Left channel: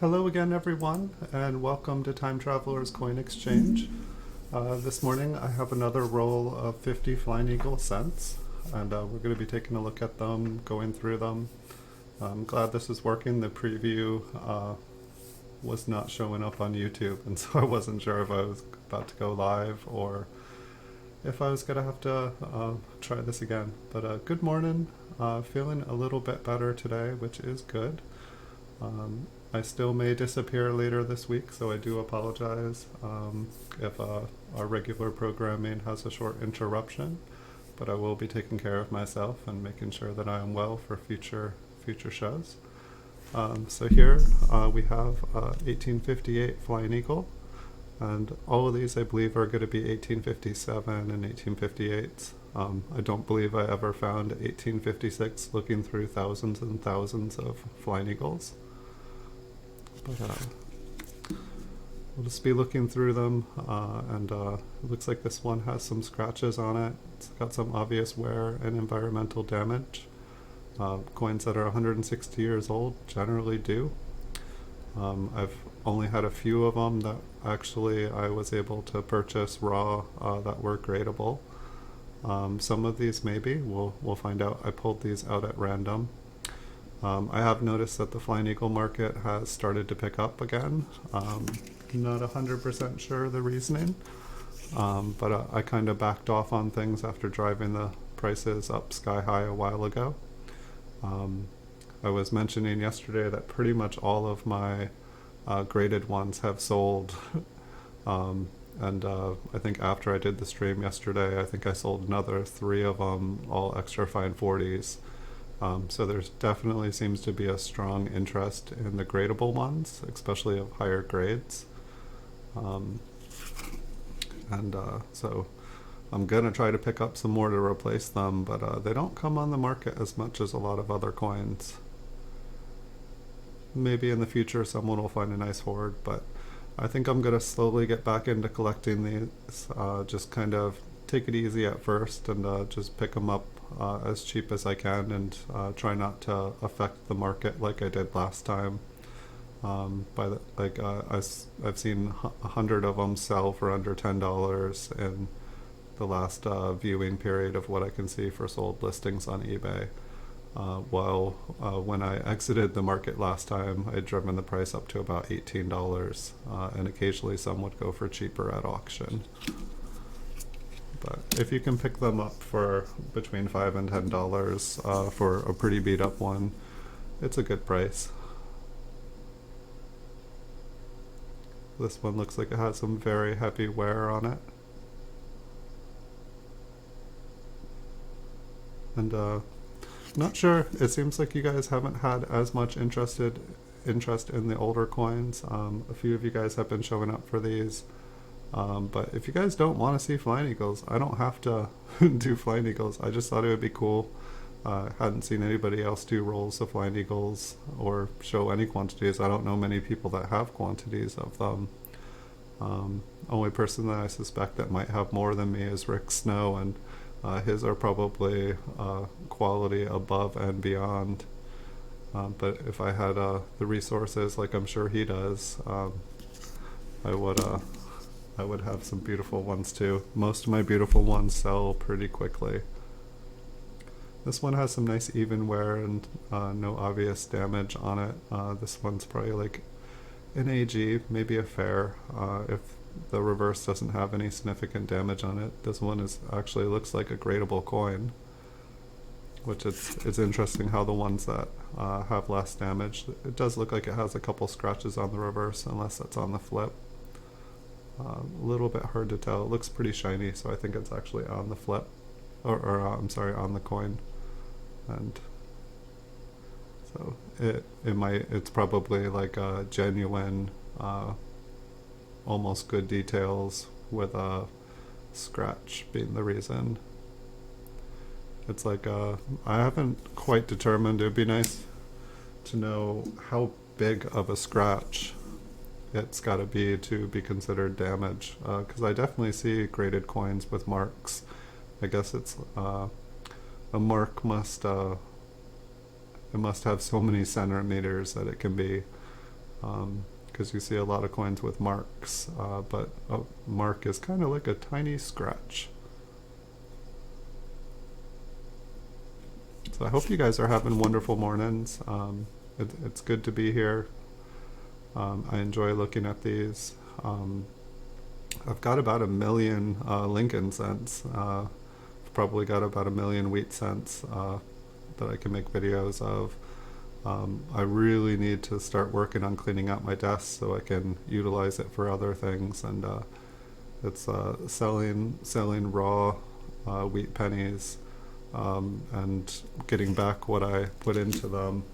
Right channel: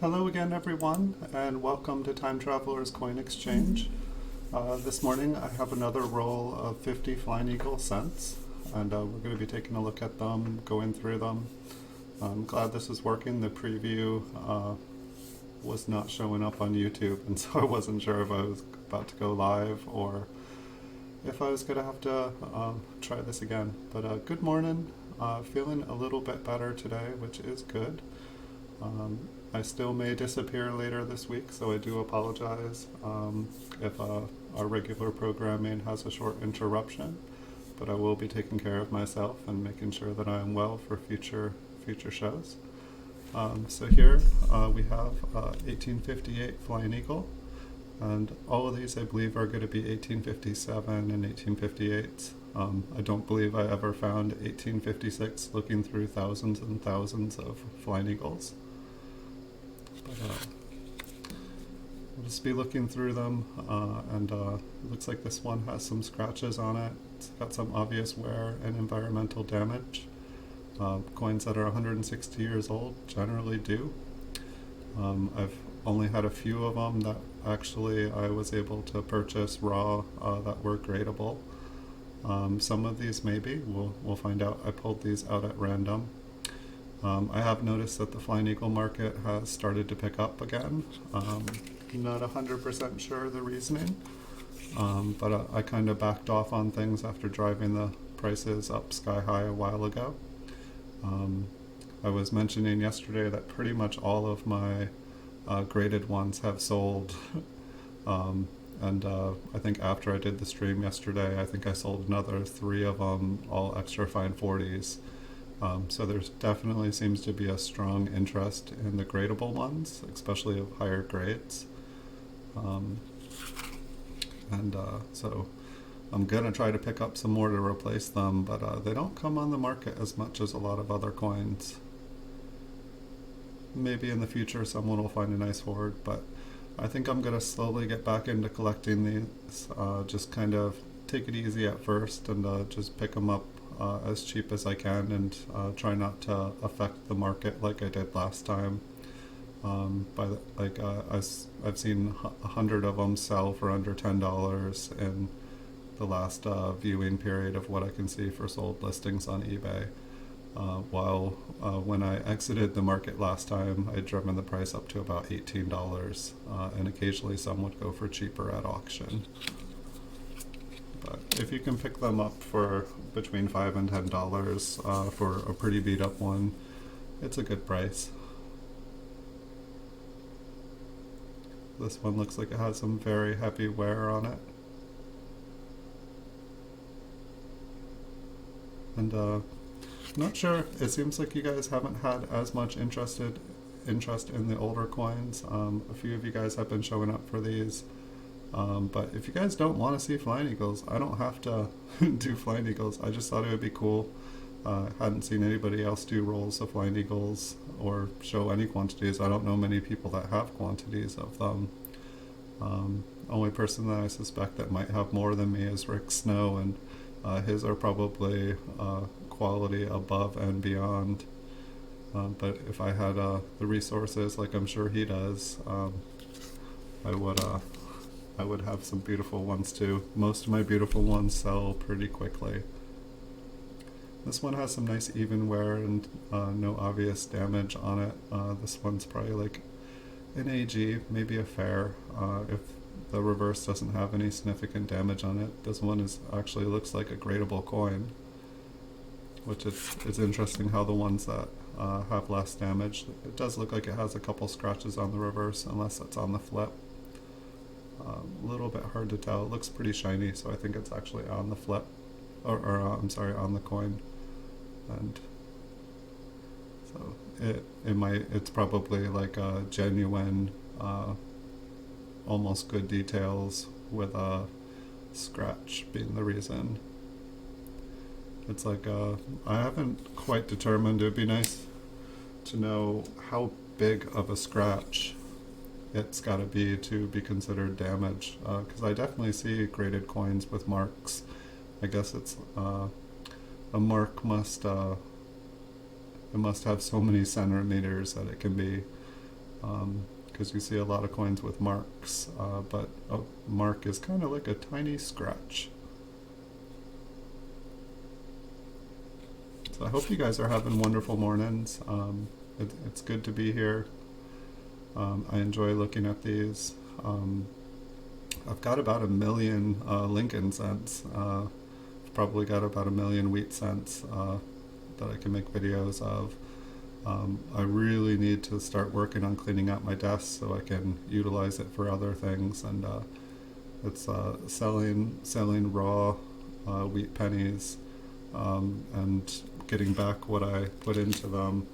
Hello again, everyone, and welcome to Time Traveler's Coin Exchange. This morning I have another roll of 50 Flying Eagle cents, and we're going to be taking a look at them, going through them. I'm glad this is working. The preview was not showing up on YouTube, and so I wasn't sure if I was about to go live or if I was going to have to try this again. But good morning. Feeling a little bit better today, which is good. I still may disappear later this week, so I do apologize if our regular programming has a short interruption, but I will be taking care of myself and making sure that I am well for future shows. So here we have 1858 Flying Eagle, and all of these I believe are going to be 1857 and 1858s. I don't believe I ever found 1856 looking through thousands and thousands of Flying Eagles. I'll just be looking through them, and looks like this one has some scratches on it. It's got some obvious wear and environmental damage. Coins that are 160 years old generally do. I've only had a few of them that actually I was able to purchase raw that were gradable. Some of these maybe, we'll find out. I pulled these out at random. I have noticed that the Flying Eagle market has started to pick up again. Not 100% sure the reasoning, but I kind of backed off on things after driving the prices up sky high a while ago. I was mentioning yesterday that pretty much all of my graded ones have sold, and I think after I did the stream yesterday, I think I sold another 3 of them, all extra fine 40s. So there's definitely seems to be a strong interest in the gradable ones, especially of higher grades. So I'm going to try to pick up some more to replace them, but they don't come on the market as much as a lot of other coins. Maybe in the future someone will find a nice hoard, but I think I'm going to slowly get back into collecting these, just kind of take it easy at first and just pick them up as cheap as I can, and try not to affect the market like I did last time. I've seen 100 of them sell for under $10 in the last viewing period of what I can see for sold listings on eBay. While when I exited the market last time, I'd driven the price up to about $18, and occasionally some would go for cheaper at auction. But if you can pick them up for between $5 and $10 for a pretty beat up one, it's a good price. This one looks like it has some very heavy wear on it. And not sure, it seems like you guys haven't had as much interest in the older coins. A few of you guys have been showing up for these. But if you guys don't want to see Flying Eagles, I don't have to do Flying Eagles. I just thought it would be cool. Hadn't seen anybody else do rolls of Flying Eagles or show any quantities. I don't know many people that have quantities of them. Only person that I suspect that might have more than me is Rick Snow, and his are probably quality above and beyond. But if I had the resources like I'm sure he does, I would have some beautiful ones too. Most of my beautiful ones sell pretty quickly. This one has some nice even wear and no obvious damage on it. This one's probably like an AG, maybe a fair, if the reverse doesn't have any significant damage on it. This one actually looks like a gradable coin, which it's interesting how the ones that have less damage, it does look like it has a couple scratches on the reverse, unless that's on the flip. A little bit hard to tell. It looks pretty shiny, so I think it's actually on the flip, or I'm sorry, on the coin. And so it's probably like a genuine, almost good details with a scratch being the reason. It's like I haven't quite determined. It would be nice to know how big of a scratch it's got to be considered damage, because I definitely see graded coins with marks. I guess it's a mark must have so many centimeters that it can be because you see a lot of coins with marks, but a mark is kind of like a tiny scratch. So I hope you guys are having wonderful mornings. It's good to be here. I enjoy looking at these. I've got about 1 million Lincoln cents. I've probably got about 1 million wheat cents that I can make videos of. I really need to start working on cleaning out my desk so I can utilize it for other things, and it's selling raw wheat pennies and getting back what I put into them.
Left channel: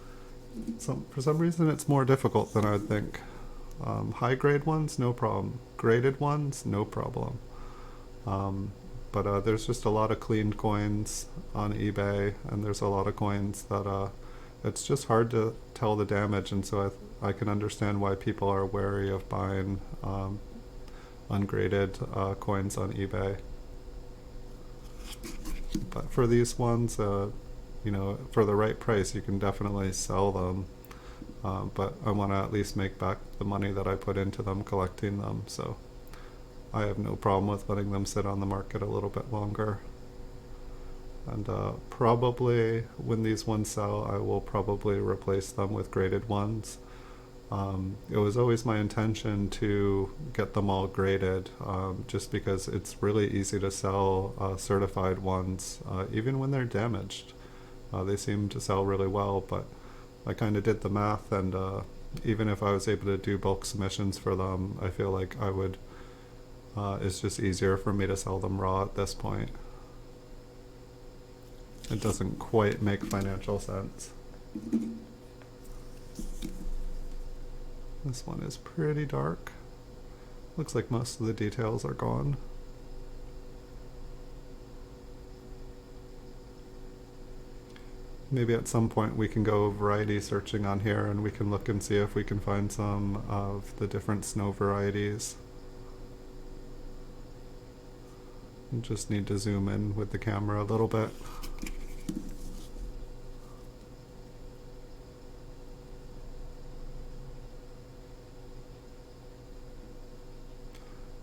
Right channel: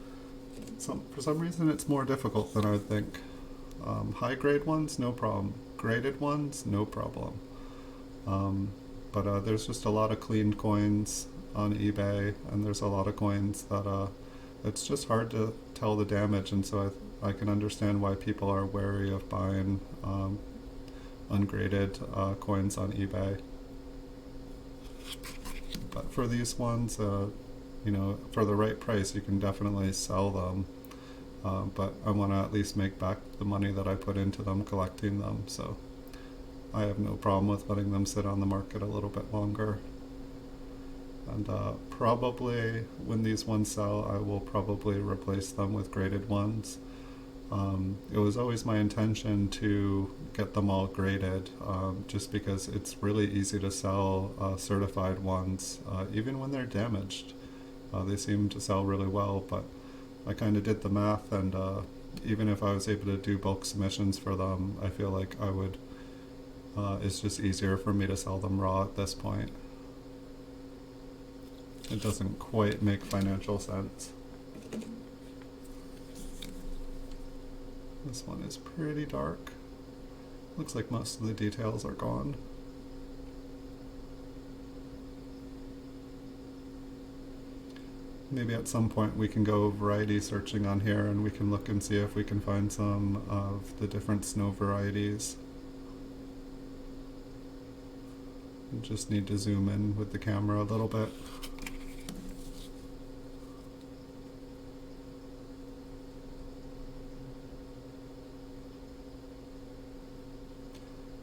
For some reason it's more difficult than I would think. High grade ones, no problem. Graded ones, no problem. But there's just a lot of cleaned coins on eBay, and there's a lot of coins that it's just hard to tell the damage, and so I can understand why people are wary of buying ungraded coins on eBay. But for these ones, for the right price, you can definitely sell them. But I want to at least make back the money that I put into them collecting them, so I have no problem with letting them sit on the market a little bit longer. And probably when these ones sell, I will probably replace them with graded ones. It was always my intention to get them all graded, just because it's really easy to sell certified ones, even when they're damaged. They seem to sell really well, but I kind of did the math, and even if I was able to do bulk submissions for them, I feel like I would, it's just easier for me to sell them raw at this point. It doesn't quite make financial sense. This one is pretty dark. Looks like most of the details are gone. Maybe at some point we can go variety searching on here, and we can look and see if we can find some of the different snow varieties. I just need to zoom in with the camera a little bit.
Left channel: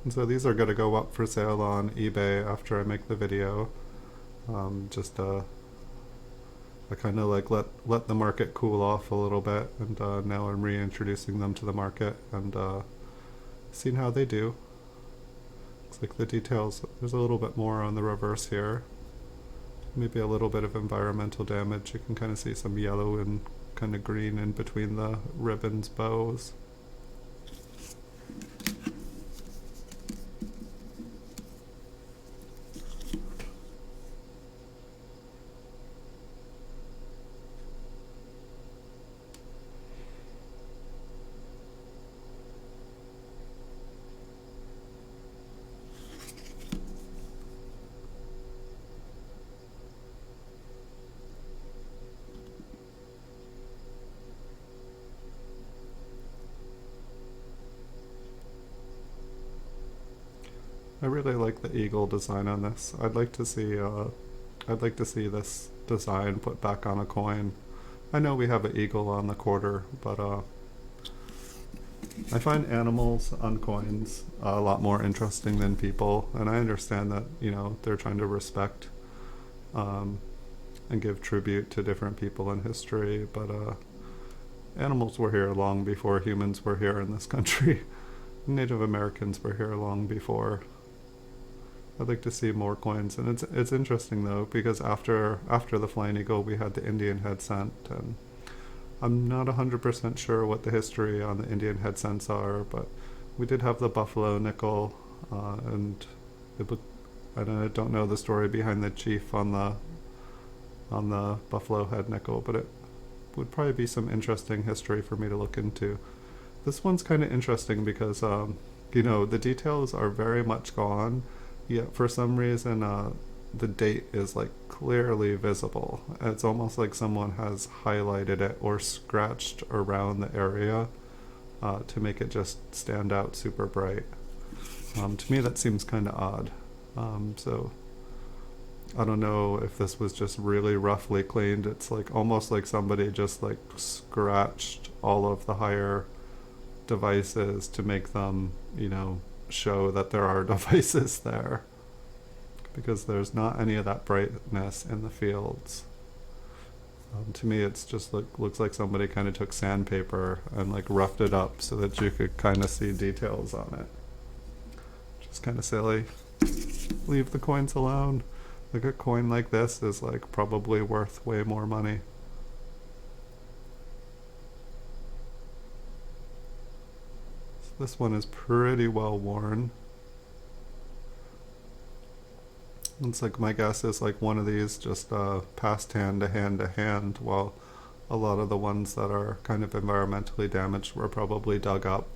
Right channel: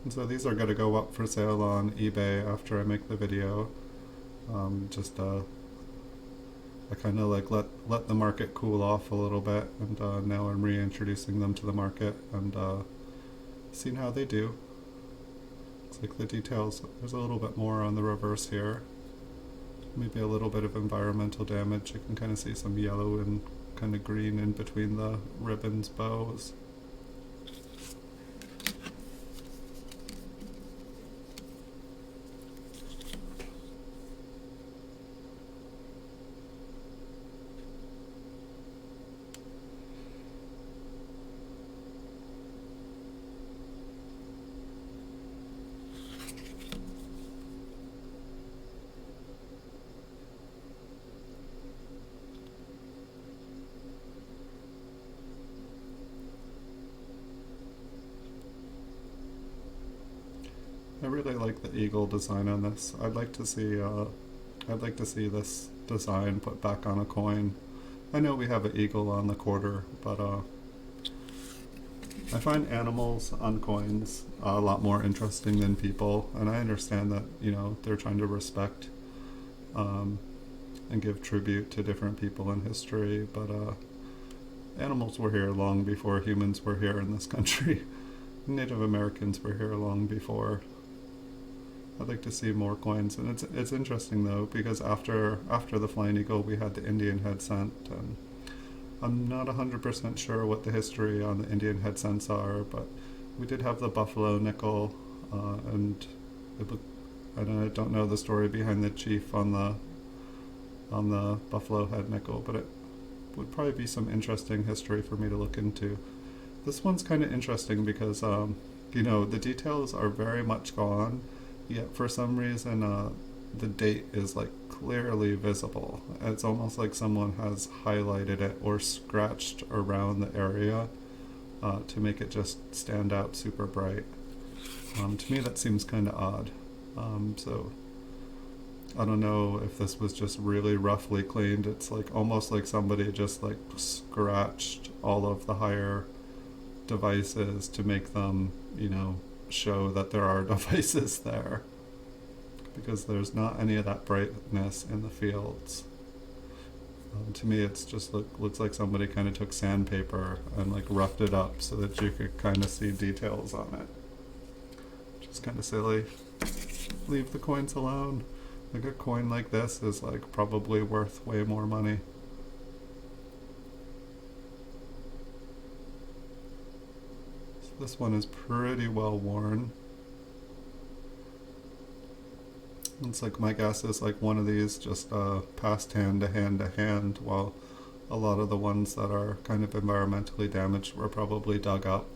And so these are going to go up for sale on eBay after I make the video. I kind of like let the market cool off a little bit, and now I'm reintroducing them to the market and seeing how they do. It's like the details, there's a little bit more on the reverse here. Maybe a little bit of environmental damage. You can kind of see some yellow and kind of green in between the ribbons bows. I really like the eagle design on this. I'd like to see this design put back on a coin. I know we have an eagle on the quarter, but I find animals on coins a lot more interesting than people, and I understand that they're trying to respect and give tribute to different people in history, but animals were here long before humans were here in this country. Native Americans were here long before. I'd like to see more coins, and it's interesting though, because after the Flying Eagle we had the Indian head cent, and I'm not 100% sure what the history on the Indian head cents are, but we did have the buffalo nickel, and I don't know the story behind the chief on the buffalo head nickel, but it would probably be some interesting history for me to look into. This one's kind of interesting because the details are very much gone, yet for some reason the date is like clearly visible. It's almost like someone has highlighted it or scratched around the area to make it just stand out super bright. To me that seems kind of odd. So I don't know if this was just really roughly cleaned. It's like almost like somebody just like scratched all of the higher devices to make them, show that there are devices there, because there's not any of that brightness in the fields. To me, it's just looks like somebody kind of took sandpaper and like roughed it up so that you could kind of see details on it. Which is kind of silly. Leave the coins alone. Like a coin like this is like probably worth way more money. So this one is pretty well worn. It's like, my guess is like one of these just passed hand to hand to hand, while a lot of the ones that are kind of environmentally damaged were probably dug up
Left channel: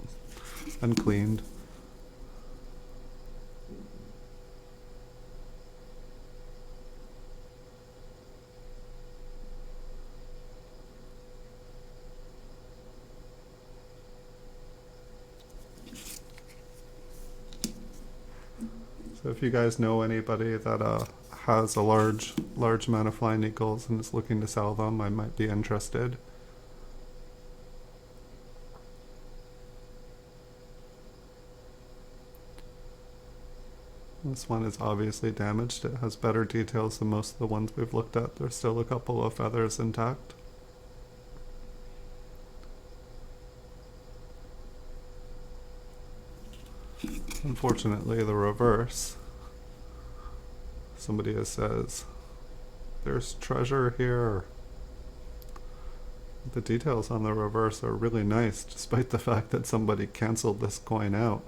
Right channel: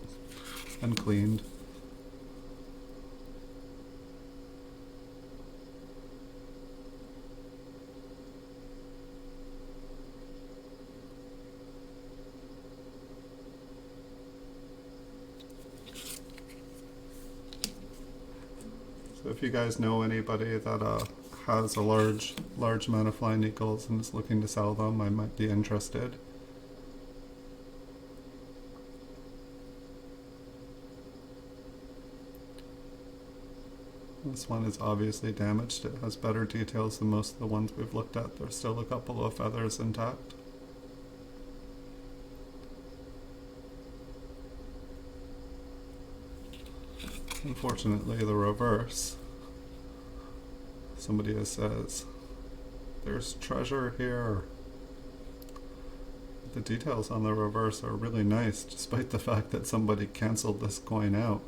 and cleaned. So if you guys know anybody that has a large amount of flying eagles and is looking to sell them, I might be interested. This one is obviously damaged. It has better details than most of the ones we've looked at. There's still a couple of feathers intact. Unfortunately, the reverse. Somebody says, there's treasure here. The details on the reverse are really nice, despite the fact that somebody canceled this coin out.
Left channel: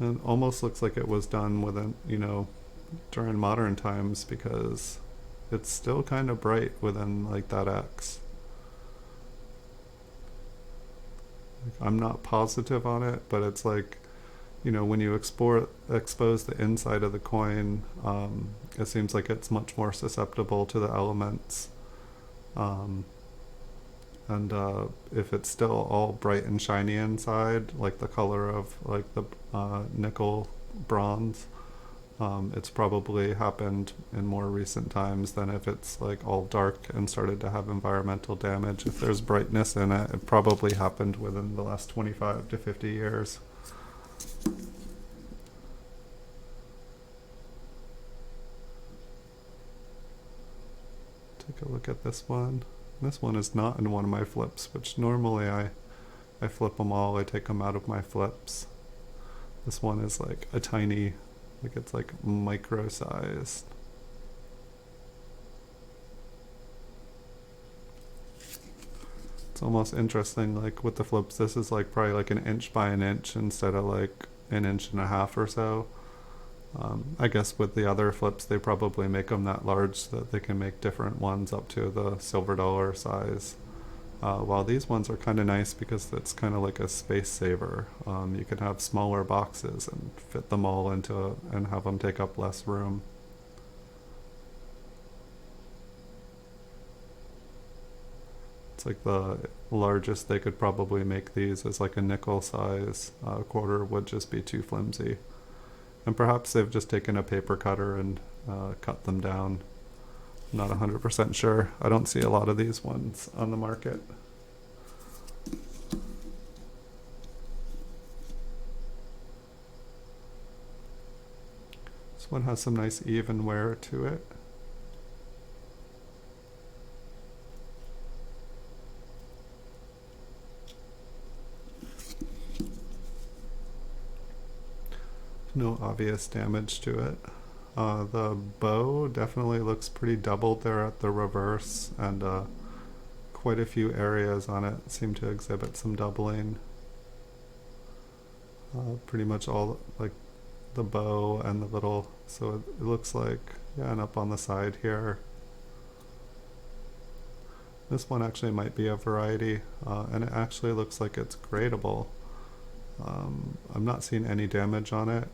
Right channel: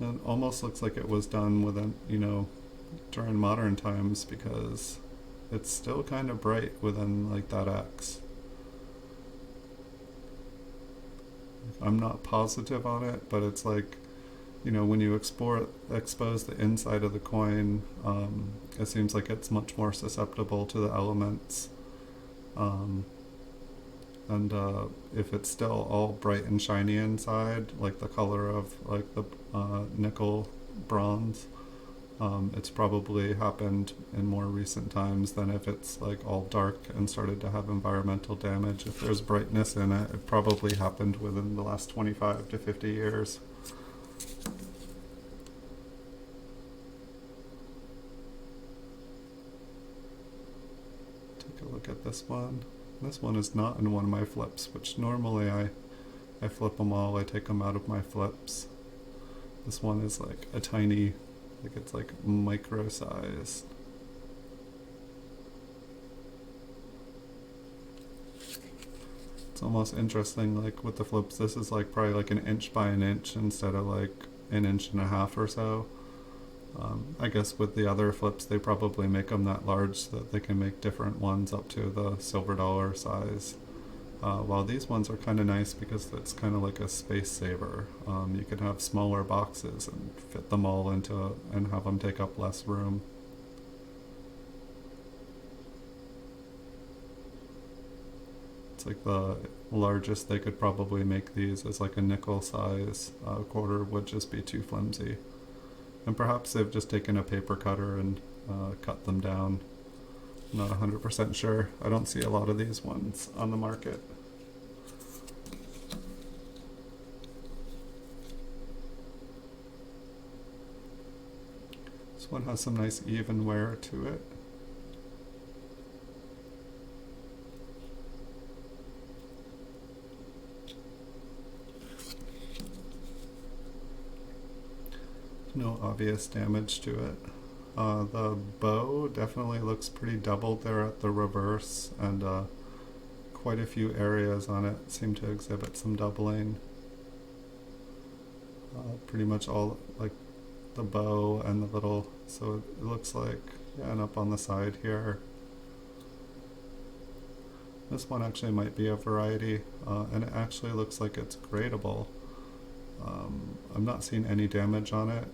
It almost looks like it was done within, during modern times, because it's still kind of bright within like that X. I'm not positive on it, but it's like, when you expose the inside of the coin, it seems like it's much more susceptible to the elements. And if it's still all bright and shiny inside, like the color of like the nickel bronze, it's probably happened in more recent times than if it's like all dark and started to have environmental damage. If there's brightness in it, it probably happened within the last 25 to 50 years. Take a look at this one. This one is not in one of my flips, which normally I flip them all, I take them out of my flips. This one is like a tiny, like it's like micro size. It's almost interesting, like with the flips, this is like probably like an inch by an inch instead of like an inch and a half or so. I guess with the other flips, they probably make them that large so that they can make different ones up to the silver dollar size. While these ones are kind of nice because it's kind of like a space saver. You could have smaller boxes and fit them all into and have them take up less room. It's like the largest they could probably make these is like a nickel size. Quarter would just be too flimsy. And perhaps they've just taken a paper cutter and cut them down. I'm not 100% sure. I don't see a lot of these ones on the market. This one has some nice even wear to it. No obvious damage to it. The bow definitely looks pretty doubled there at the reverse, and quite a few areas on it seem to exhibit some doubling. Pretty much all, like the bow and the little, so it looks like, and up on the side here. This one actually might be a variety, and it actually looks like it's gradable. I'm not seeing any damage on it.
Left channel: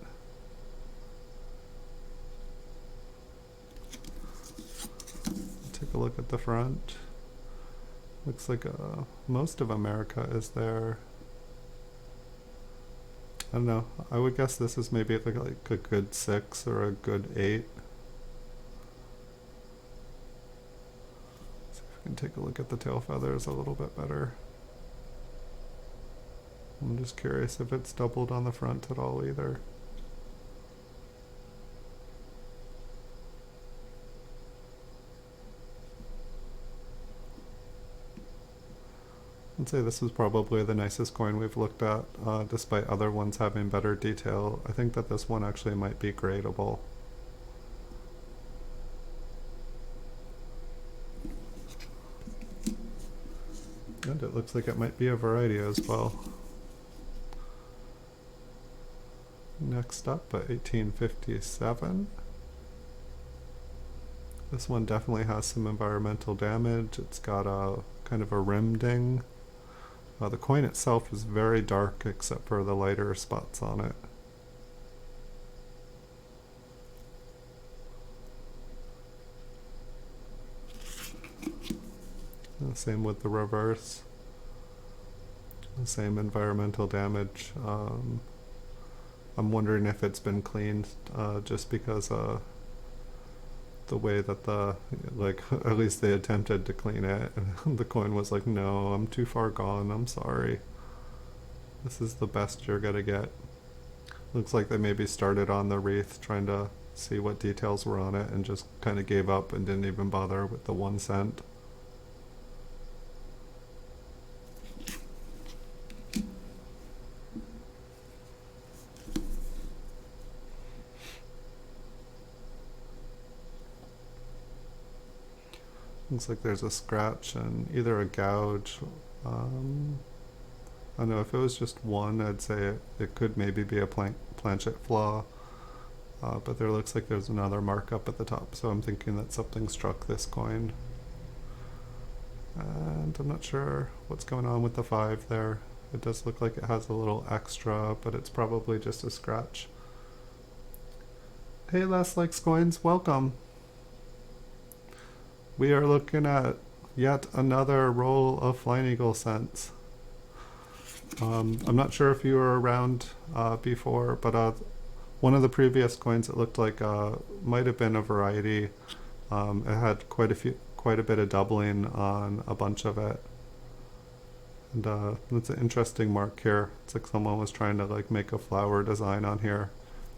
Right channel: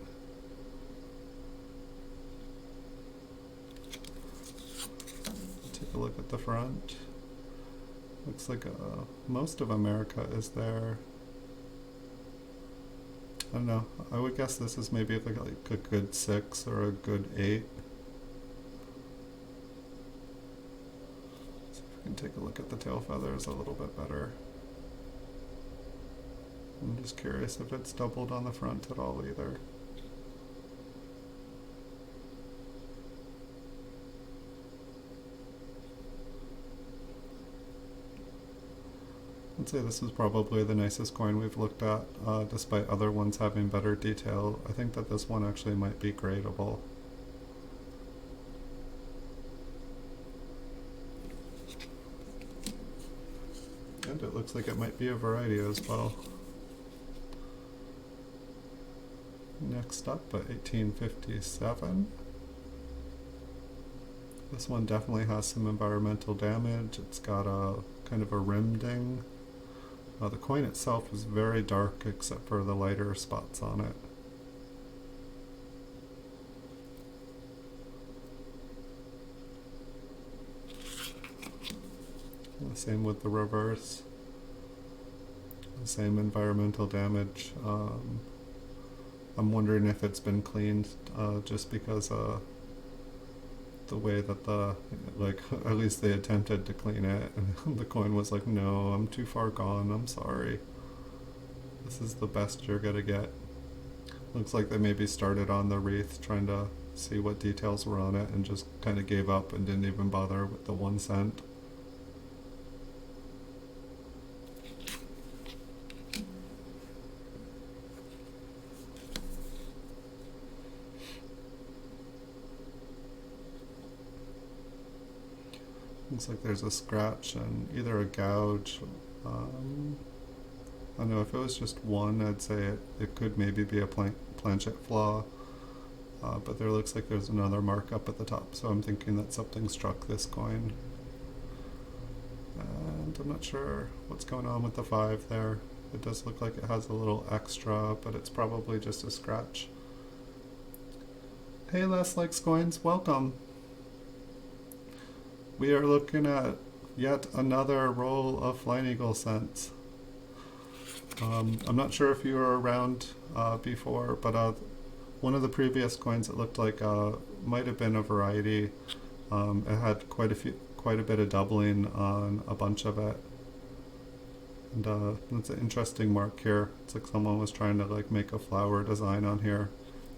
Take a look at the front. Looks like most of America is there. I don't know. I would guess this is maybe like a good 6 or a good 8. See if we can take a look at the tail feathers a little bit better. I'm just curious if it's doubled on the front at all either. I'd say this is probably the nicest coin we've looked at, despite other ones having better detail. I think that this one actually might be gradable. And it looks like it might be a variety as well. Next up, at 1857. This one definitely has some environmental damage. It's got a kind of a rim ding. The coin itself is very dark except for the lighter spots on it. Same with the reverse. Same environmental damage. I'm wondering if it's been cleaned, just because the way that at least they attempted to clean it. The coin was like, no, I'm too far gone, I'm sorry. This is the best you're gonna get. Looks like they maybe started on the wreath trying to see what details were on it and just kind of gave up and didn't even bother with the 1 cent. Looks like there's a scratch and either a gouge. I don't know, if it was just one, I'd say it could maybe be a planchet flaw. But there looks like there's another mark up at the top, so I'm thinking that something struck this coin. And I'm not sure what's going on with the 5 there. It does look like it has a little extra, but it's probably just a scratch. Hey Les Likes Coins, welcome! We are looking at yet another roll of Flying Eagle cents. I'm not sure if you were around before, but one of the previous coins, it looked like might have been a variety. It had quite a bit of doubling on a bunch of it. And it's an interesting mark here. It's like someone was trying to make a flower design on here.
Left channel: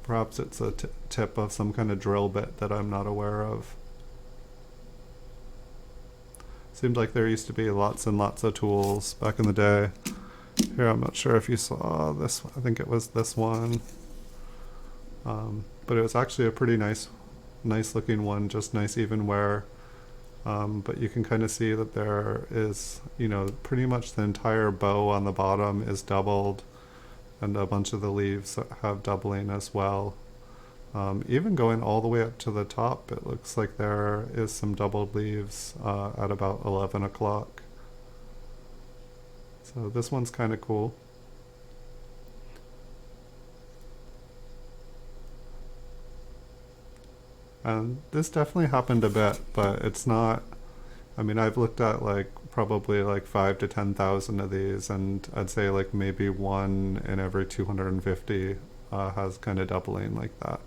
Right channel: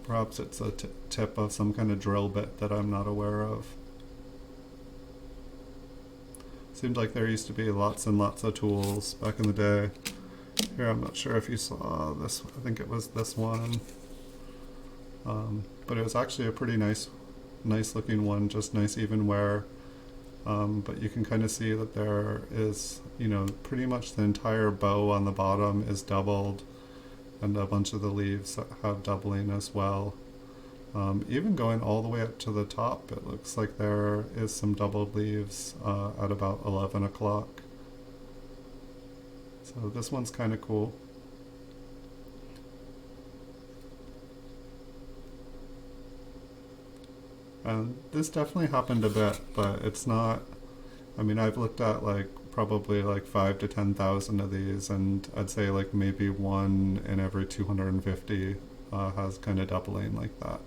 Perhaps it's a tip of some kind of drill bit that I'm not aware of. Seemed like there used to be lots and lots of tools back in the day. Here, I'm not sure if you saw this. I think it was this one. But it was actually a pretty nice looking one, just nice even wear. But you can kind of see that there is, pretty much the entire bow on the bottom is doubled, and a bunch of the leaves have doubling as well. Even going all the way up to the top, it looks like there is some doubled leaves at about 11 o'clock. So this one's kind of cool. And this definitely happened a bit, but it's not, I've looked at probably 5 to 10,000 of these, and I'd say maybe 1 in every 250 has kind of doubling like that.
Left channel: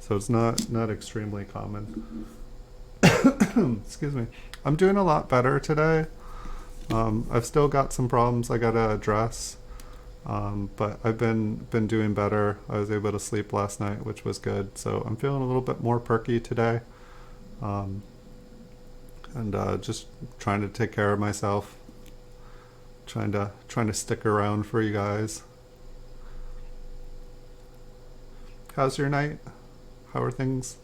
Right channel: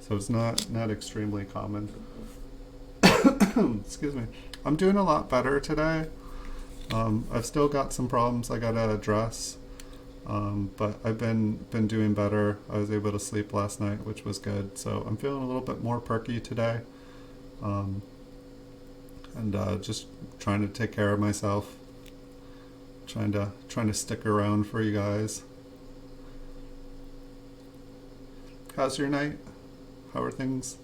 So it's not extremely common. Excuse me. I'm doing a lot better today. I've still got some problems I gotta address, but I've been doing better. I was able to sleep last night, which was good. So I'm feeling a little bit more perky today, and just trying to take care of myself. Trying to stick around for you guys. How's your night? How are things?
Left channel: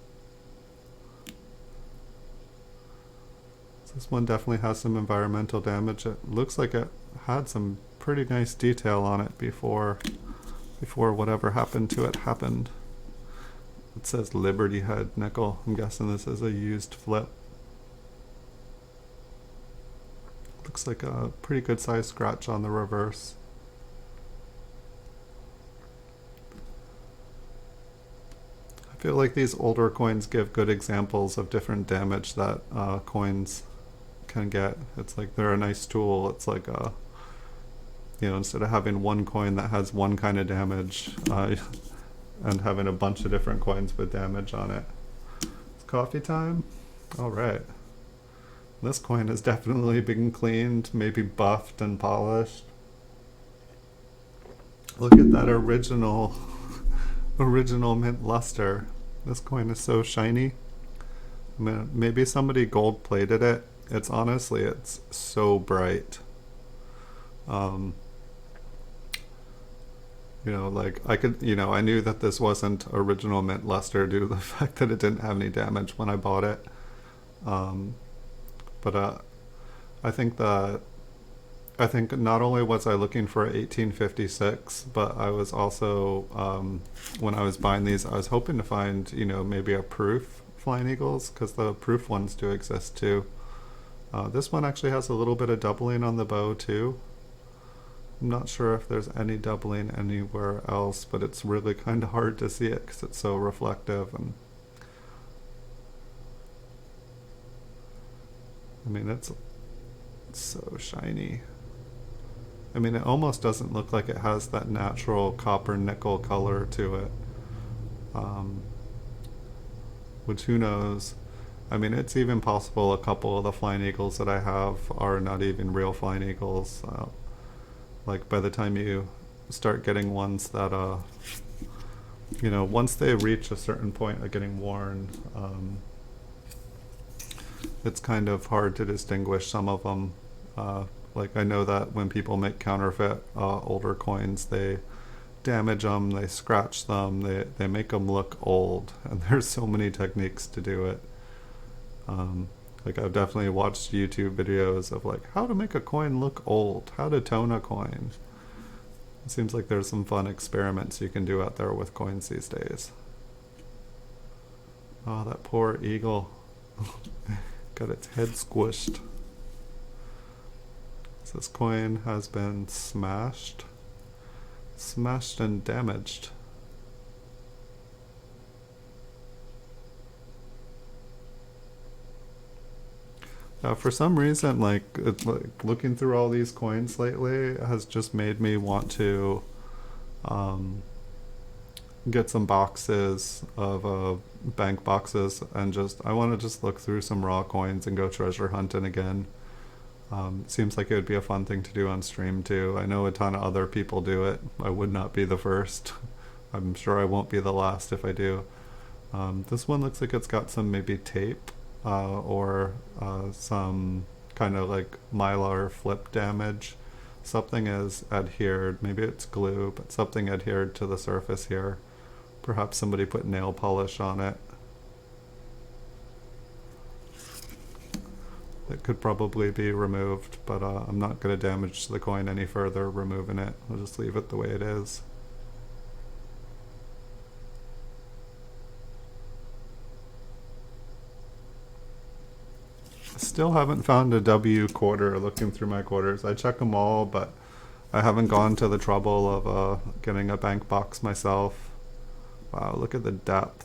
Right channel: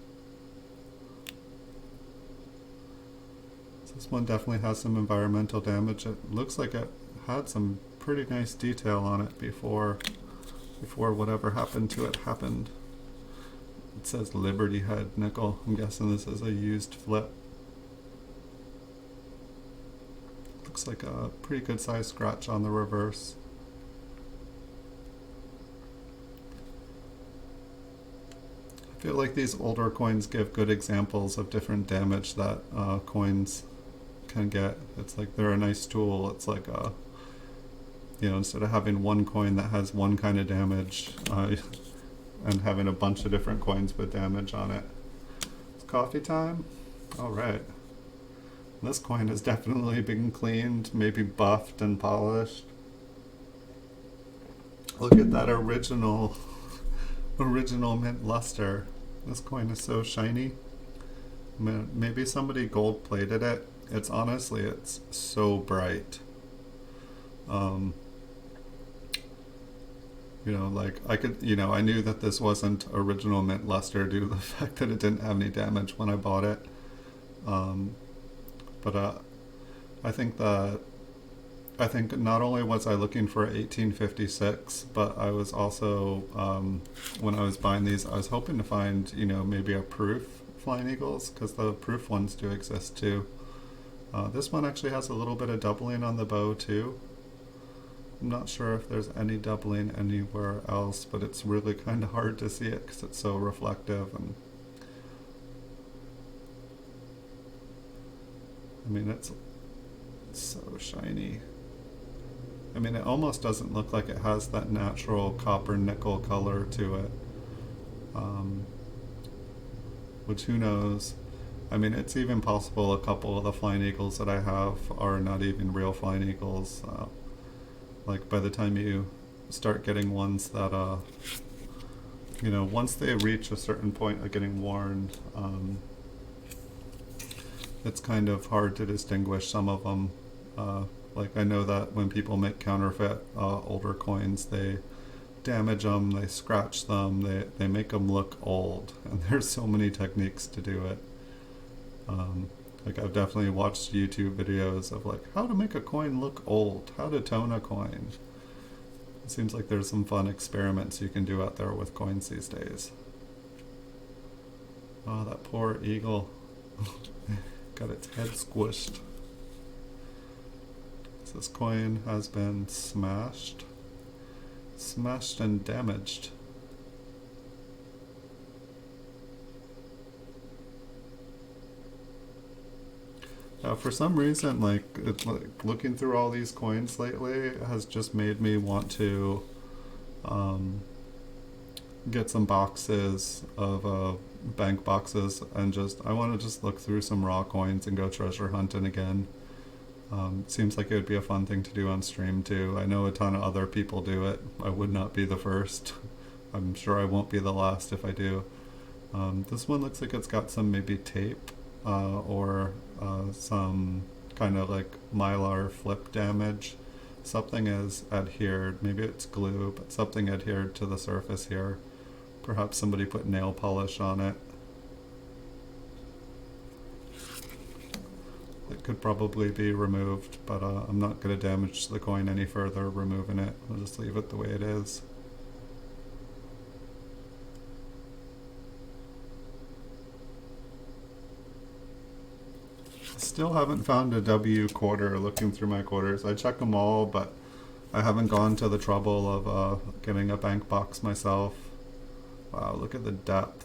This one definitely has some environmental damage. It looks like it had some pretty nice detail on it before whatever happened to it happened. It says Liberty Head nickel. I'm guessing this is a used flip. Looks like a pretty good sized scratch on the reverse. I feel like these older coins give good examples of different damage that coins can get. It's like they're a nice tool. It's like instead of having one coin that has one kind of damage and having a bunch of different coins with damage on it. It's coffee time? Alright. This coin has definitely been cleaned, maybe buffed and polished. Look at that original mint luster. This coin is so shiny. I mean, maybe somebody gold plated it. It's honestly, it's so bright. Um, like I could, I knew that this wasn't original mint luster due to the fact that it didn't have any damage when I bought it. But I think that I think not only was I looking for 1856, but I was also, when I was buying these, I was hoping to find, maybe a proof Flying Eagles, because the proof ones do exist too. This one actually has a little bit of doubling on the bow too. I'm not sure if there's any doubling anywhere else, but it's really kind of hard to see it because it's so reflective. And I mean, it's so shiny. I mean, it almost doesn't look like it has that natural copper nickel color to it. Which, who knows? I mean, it's even possible a couple of the Flying Eagles that I have are not even real Flying Eagles. Like, by the time you start getting ones that, once they reach a certain point of getting worn, it's kind of hard to distinguish some of them. Like, I know that when people make counterfeit older coins, they damage them, they scratch them, they make them look old, and there's so many techniques to do it. Like, I've definitely watched YouTube videos of like how to make a coin look old, how to tone a coin. It seems like there's some fun experiments you can do out there with coins these days. Oh, that poor eagle. Got its head squished. This coin has been smashed and damaged. For some reason, like looking through all these coins lately has just made me want to get some boxes of bank boxes, and I want to just look through some raw coins and go treasure hunting again. It seems like it would be a fun thing to do on stream too. I know a ton of other people do it. I would not be the first. I'm sure I won't be the last if I do. This one looks like it's got some maybe tape or some kind of like mylar flip damage. Something is adhered. Maybe it's glue, but something adhered to the surface here. Perhaps somebody put nail polish on it. It could probably be removed, but I'm not going to damage the coin any further removing it. I'll just leave it the way it is. Still haven't found a W quarter looking through my quarters. I check them all, but I haven't gone to the trouble of getting a bank box myself. Wow, look at the depth.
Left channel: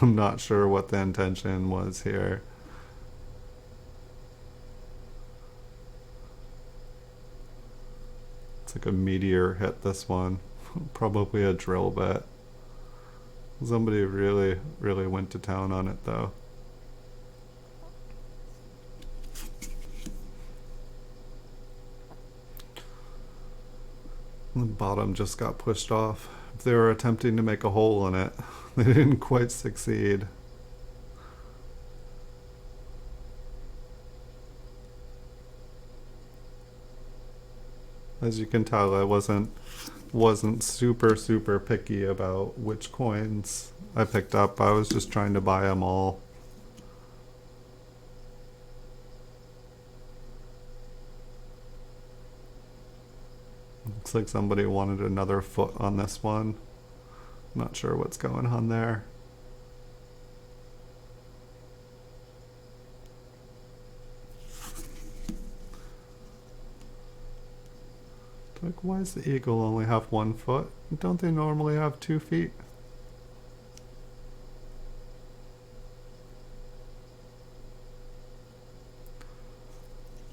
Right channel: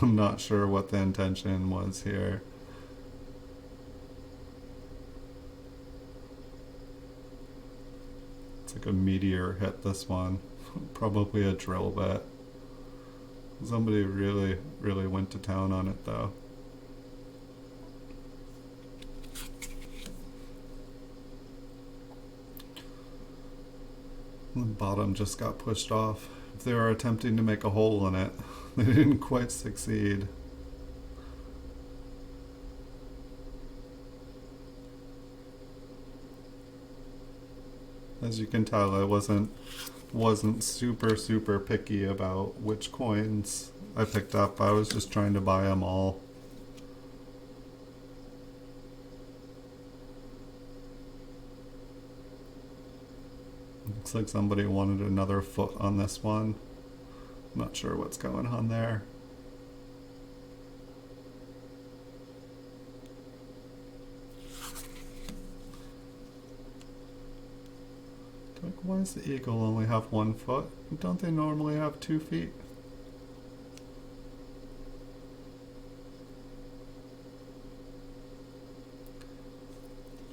I'm not sure what the intention was here. It's like a meteor hit this one. Probably a drill bit. Somebody really, really went to town on it though. The bottom just got pushed off. If they were attempting to make a hole in it, they didn't quite succeed. As you can tell, I wasn't super picky about which coins I picked up. I was just trying to buy them all. Looks like somebody wanted another foot on this one. Not sure what's going on there. Like, why does the eagle only have 1 foot? Don't they normally have 2 feet?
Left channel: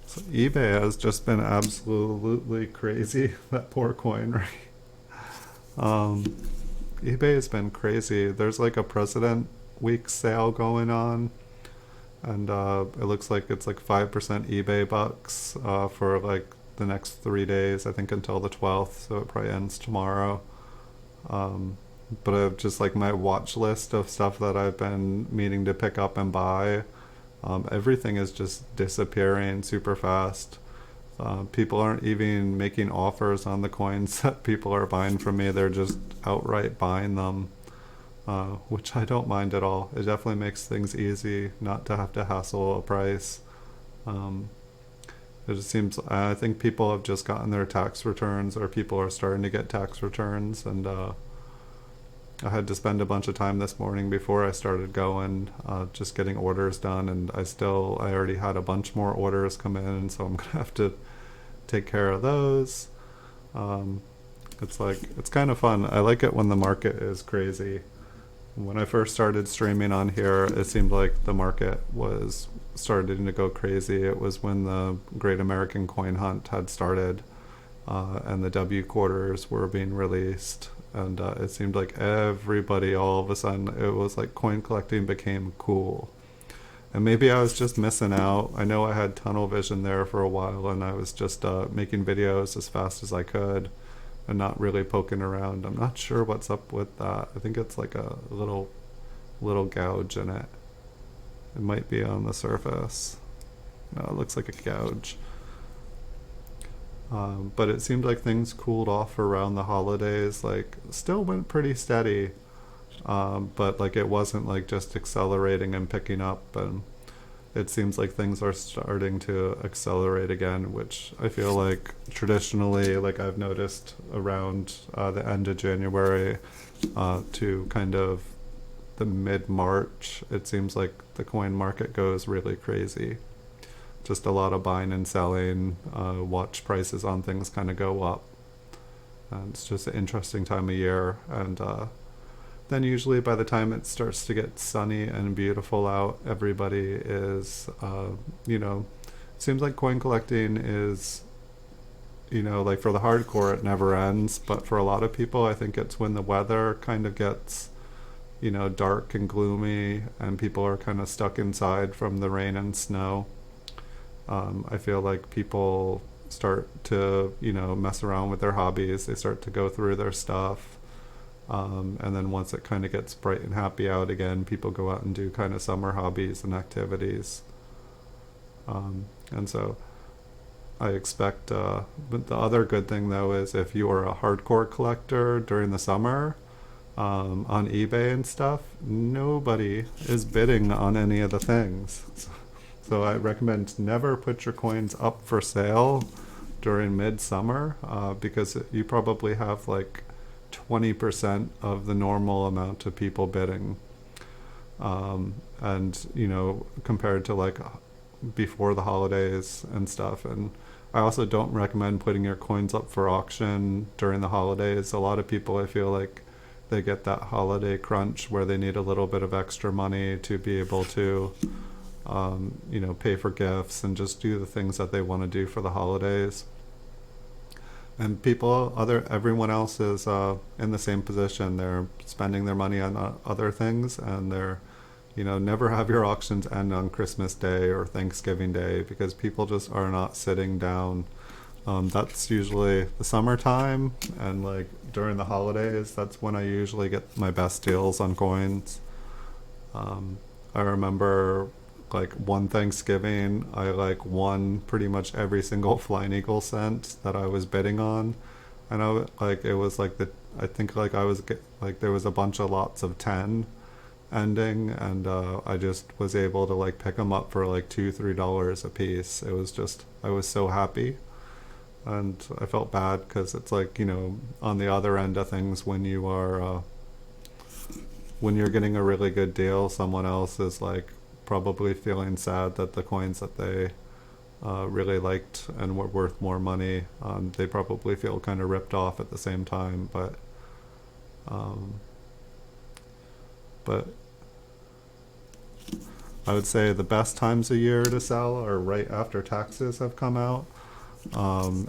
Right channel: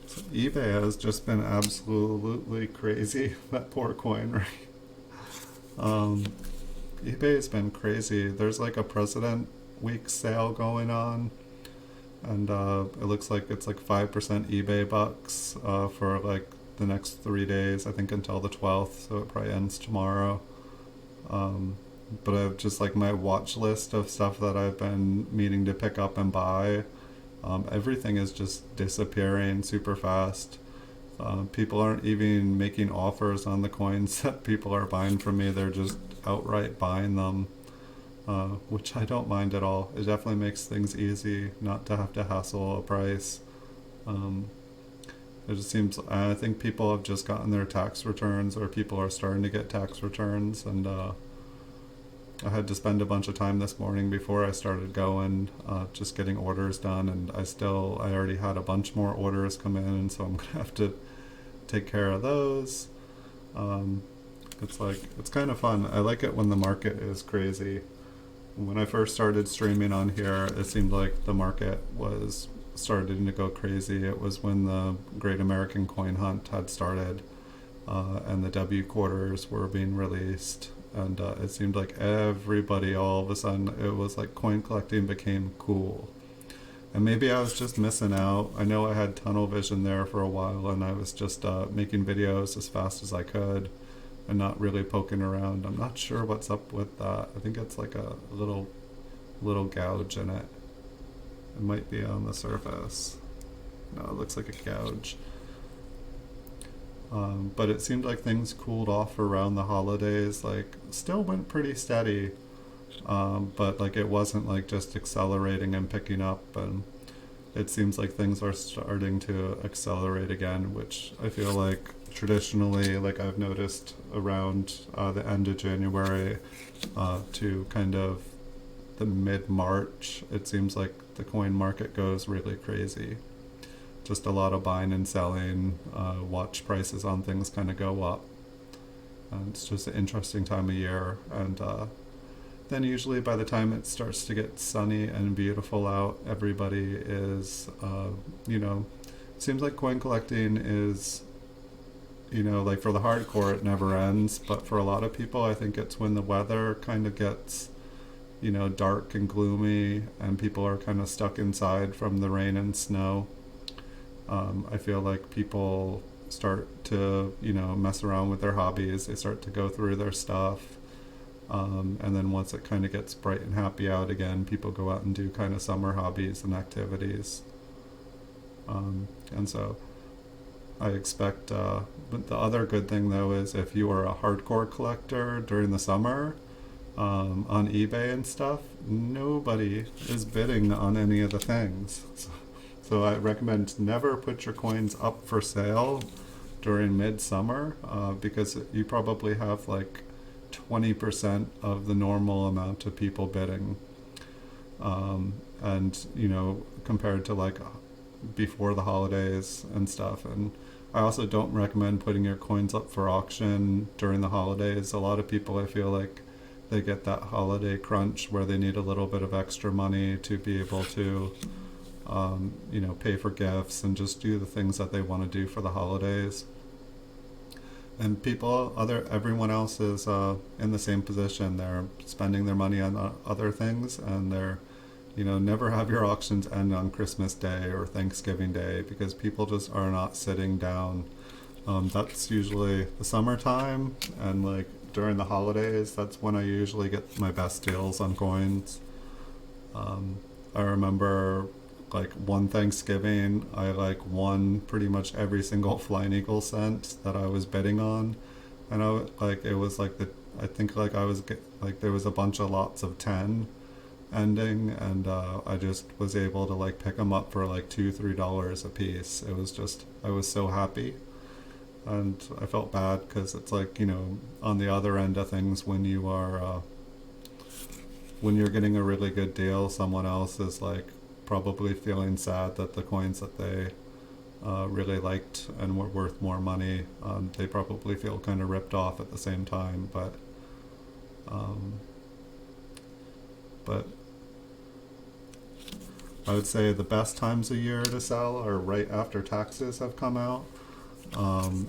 So eBay has just been absolutely crazy. That poor coin, right? eBay has been crazy. There's like a President Week sale going on, and it looks like it's like 5% eBay bucks for like the next 3 days, I think until the 12th, so it probably ends tomorrow. Um, but I've just like my watch list of stuff that I've been meaning to pick up and buy. Everything is just disappearing super fast. People aren't even making offers on the coins that people are buying from me. They're just outright buying them, which I don't mind at all. It definitely makes things easy not to have to hassle a price. Um, it just seems, I think people have just gotten their tax returns, or people are starting to get tax returns, and I had to spend a bunch of time this morning before I started going, just getting orders done, and I already had a bunch more orders come in, so I'm gonna have to take care of those. It's kind of fun. I like it when the market is crazy. When I first started streaming on here, it seemed like the market was starting to go crazy. It was when the Great American Coin Hunt had started, and the W quarters were being released, and it seemed like everybody, all of a sudden, it was like coin collecting became cool. And maybe I was just missing out. I know I had tunnel vision there for a while, and I was just making videos as fast as I could and not really poking around. I'm not sure what's up with that. I think it's like a little gouge in it. It might be on the surface. No, it looks like a gouge. But it seemed like things cooled off around the holidays. Like, still went pretty steady, but like it wasn't like just accelerating and picking up. And it seems like things are starting to accelerate again, which I feel like traditionally, like I've noticed around the end of January to kind of the mid-March, it seems like the coin market goes really crazy. Just a lot of buying and selling, watch prices on things kind of go up. And it's just an interesting time of year. And then usually by the time it starts to get sunny and beautiful out, everybody is, it seems like coin collecting is, like for the hardcore, it never ends. But for a lot of people, I think it's when the weather kind of gets, dark and gloomy and people are kind of stuck inside from the rain and snow. I feel like people start to, mess around with their hobbies. They start to go through their stuff. And then once it kind of gets bright and happy out again, people go out and do kind of summer hobbies and activities. And so I expect, but the other good thing though is if you are a hardcore collector during the summer, on eBay and stuff, nobody is bidding on any of the things. So I recommend never put your coins up for sale during midsummer, because you probably have like 20% of the normal amount of people bidding. And, compared to like before the holidays and stuff. And I also don't recommend putting your coins up for auction during the holidays. A lot of people, I feel like, they get that holiday crunch where they need a little bit of extra money to be able to pay for gifts and just do the things that they want to do for the holidays. And everyone else is in the same position. They're spending their money on other things, and they're, never have your auctions end on Christmas Day or Thanksgiving Day, because people just are not sitting down. That's usually the summertime, and like during the holidays, that's when I usually get my best deals on coins. I remember like one Thanksgiving, I like won pretty much every single Flying Eagle cent that I was bidding on, and it was like there was a bunch of lots of 10 ending, and I just was able to like pick them up for like $2-3 a piece. I was so happy, and I felt bad because it's like, on the other end of things, when you're getting a really good deal, someone else is like probably feeling sad that the coins that they really liked and were worth more money, they probably feel kind of ripped off at the same time. But I would say the best times of year to sell are right after taxes have come out,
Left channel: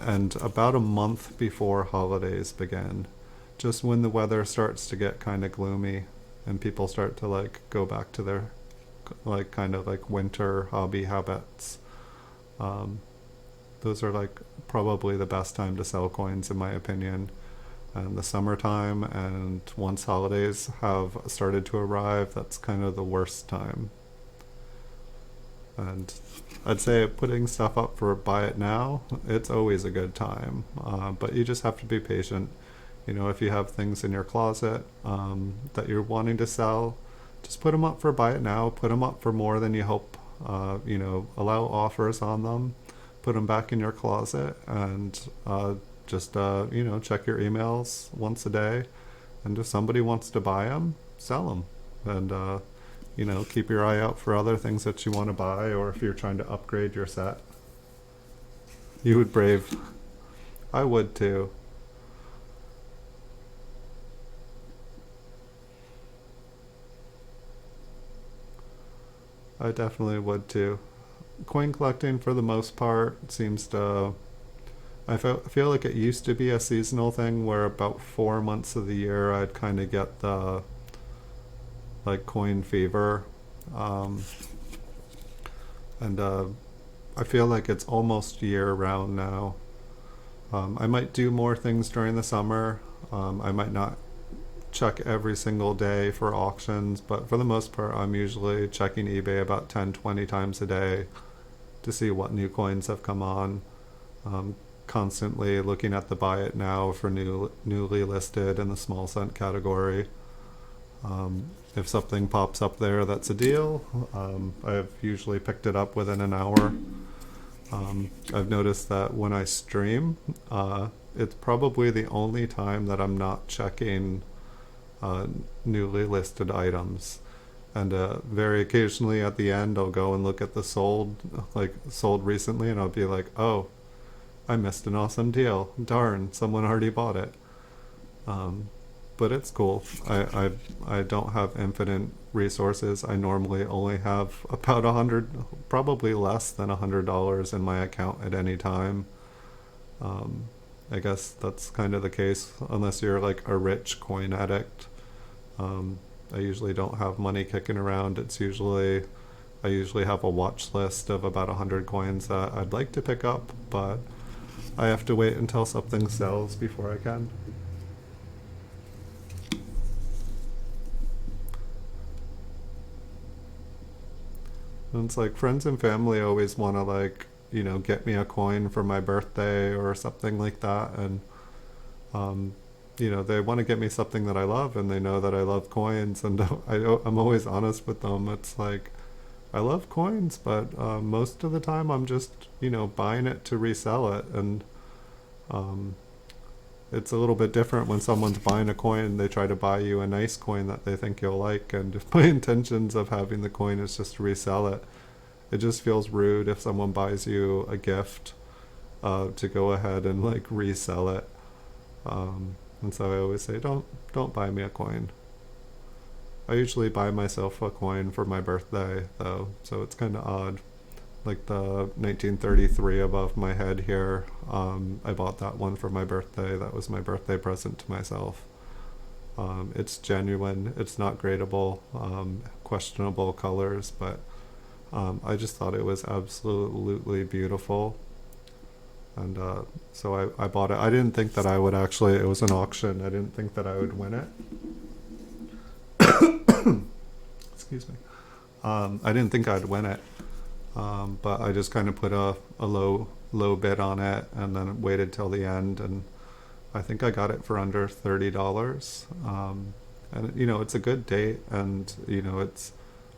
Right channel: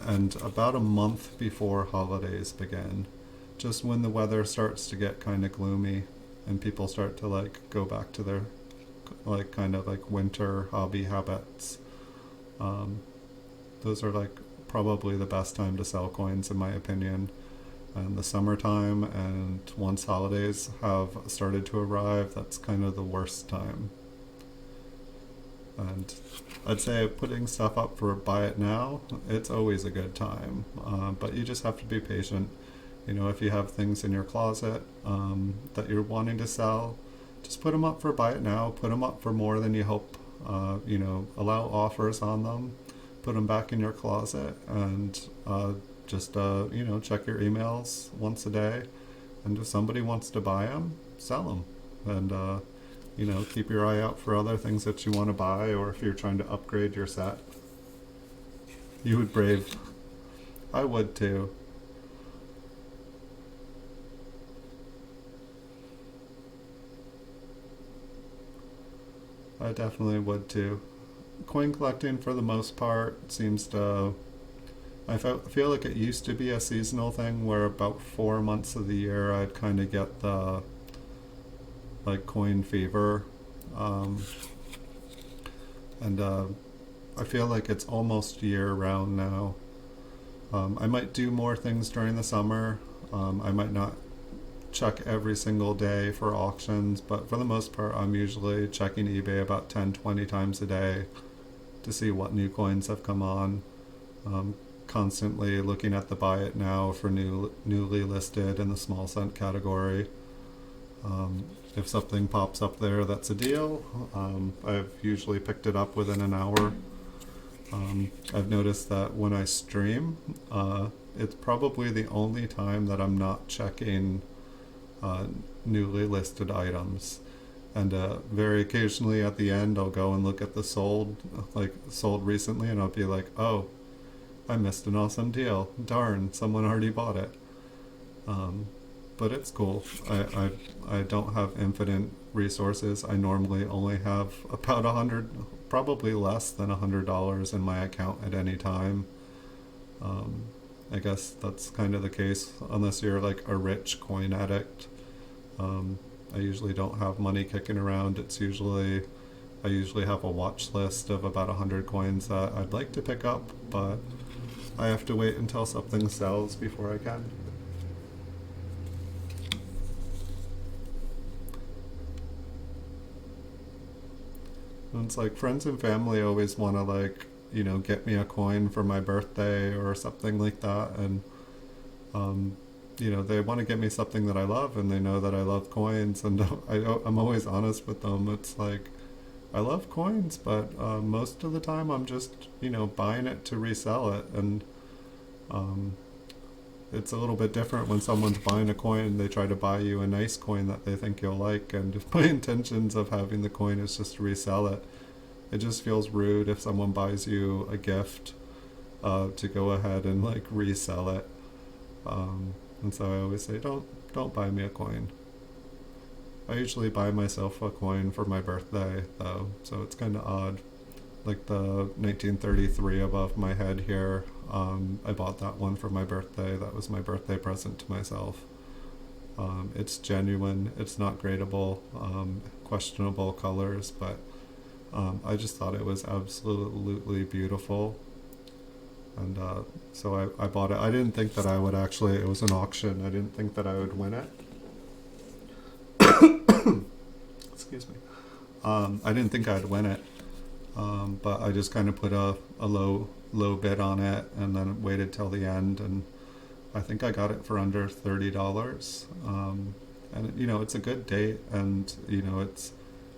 and about a month before holidays begin, just when the weather starts to get kind of gloomy and people start to like go back to their like kind of like winter hobby habits. Those are like probably the best time to sell coins in my opinion. And the summertime, and once holidays have started to arrive, that's kind of the worst time. And I'd say putting stuff up for buy it now, it's always a good time. But you just have to be patient. You know, if you have things in your closet that you're wanting to sell, just put them up for buy it now. Put them up for more than you hope. You know, allow offers on them. Put them back in your closet, and just you know, check your emails once a day. And if somebody wants to buy them, sell them. And you know, keep your eye out for other things that you want to buy, or if you're trying to upgrade your set. You would brave. I would too. I definitely would too. Coin collecting, for the most part, seems to. Feel like it used to be a seasonal thing where about 4 months of the year I'd kind of get the like coin fever, and I feel like it's almost year round now. I might do more things during the summer. I might not check every single day for auctions, but for the most part I'm usually checking eBay about 10-20 times a day to see what new coins have come on. Constantly looking at the buy it now for newly listed in the small cent category. If something pops up there that's a deal, I've usually picked it up within an hour. I've noticed that when I stream, it's probably the only time that I'm not checking newly listed items. And very occasionally at the end I'll go and look at the sold recently, and I'll be like, oh, I missed an awesome deal. Darn, someone already bought it. But it's cool. I don't have infinite resources. I normally only have about probably less than $100 in my account at any time. I guess that's kind of the case unless you're like a rich coin addict. I usually don't have money kicking around. I usually have a watch list of about 100 coins that I'd like to pick up, but I have to wait until something sells before I can. And it's like friends and family always want to, like, you know, get me a coin for my birthday or something like that, and you know, they want to get me something that I love, and they know that I love coins, and I'm always honest with them. It's like, I love coins, but most of the time I'm just, you know, buying it to resell it, and it's a little bit different when someone's buying a coin. They try to buy you a nice coin that they think you'll like, and if my intentions of having the coin is just to resell it, it just feels rude if someone buys you a gift to go ahead and like resell it. And so I always say, don't buy me a coin. I usually buy myself a coin for my birthday though, so it's kind of odd. Like the 1933 above my head here, I bought that one for my birthday. That was my birthday present to myself. It's genuine, it's not gradable, questionable colors, but I just thought it was absolutely beautiful. And so I bought it. I didn't think that I would actually, it was an auction, I didn't think that I would win it. Excuse me. I didn't think I'd win it, but I just kind of put a low bid on it, and then waited till the end, and I think I got it for under $30. And you know, it's a good date, and you know, it's,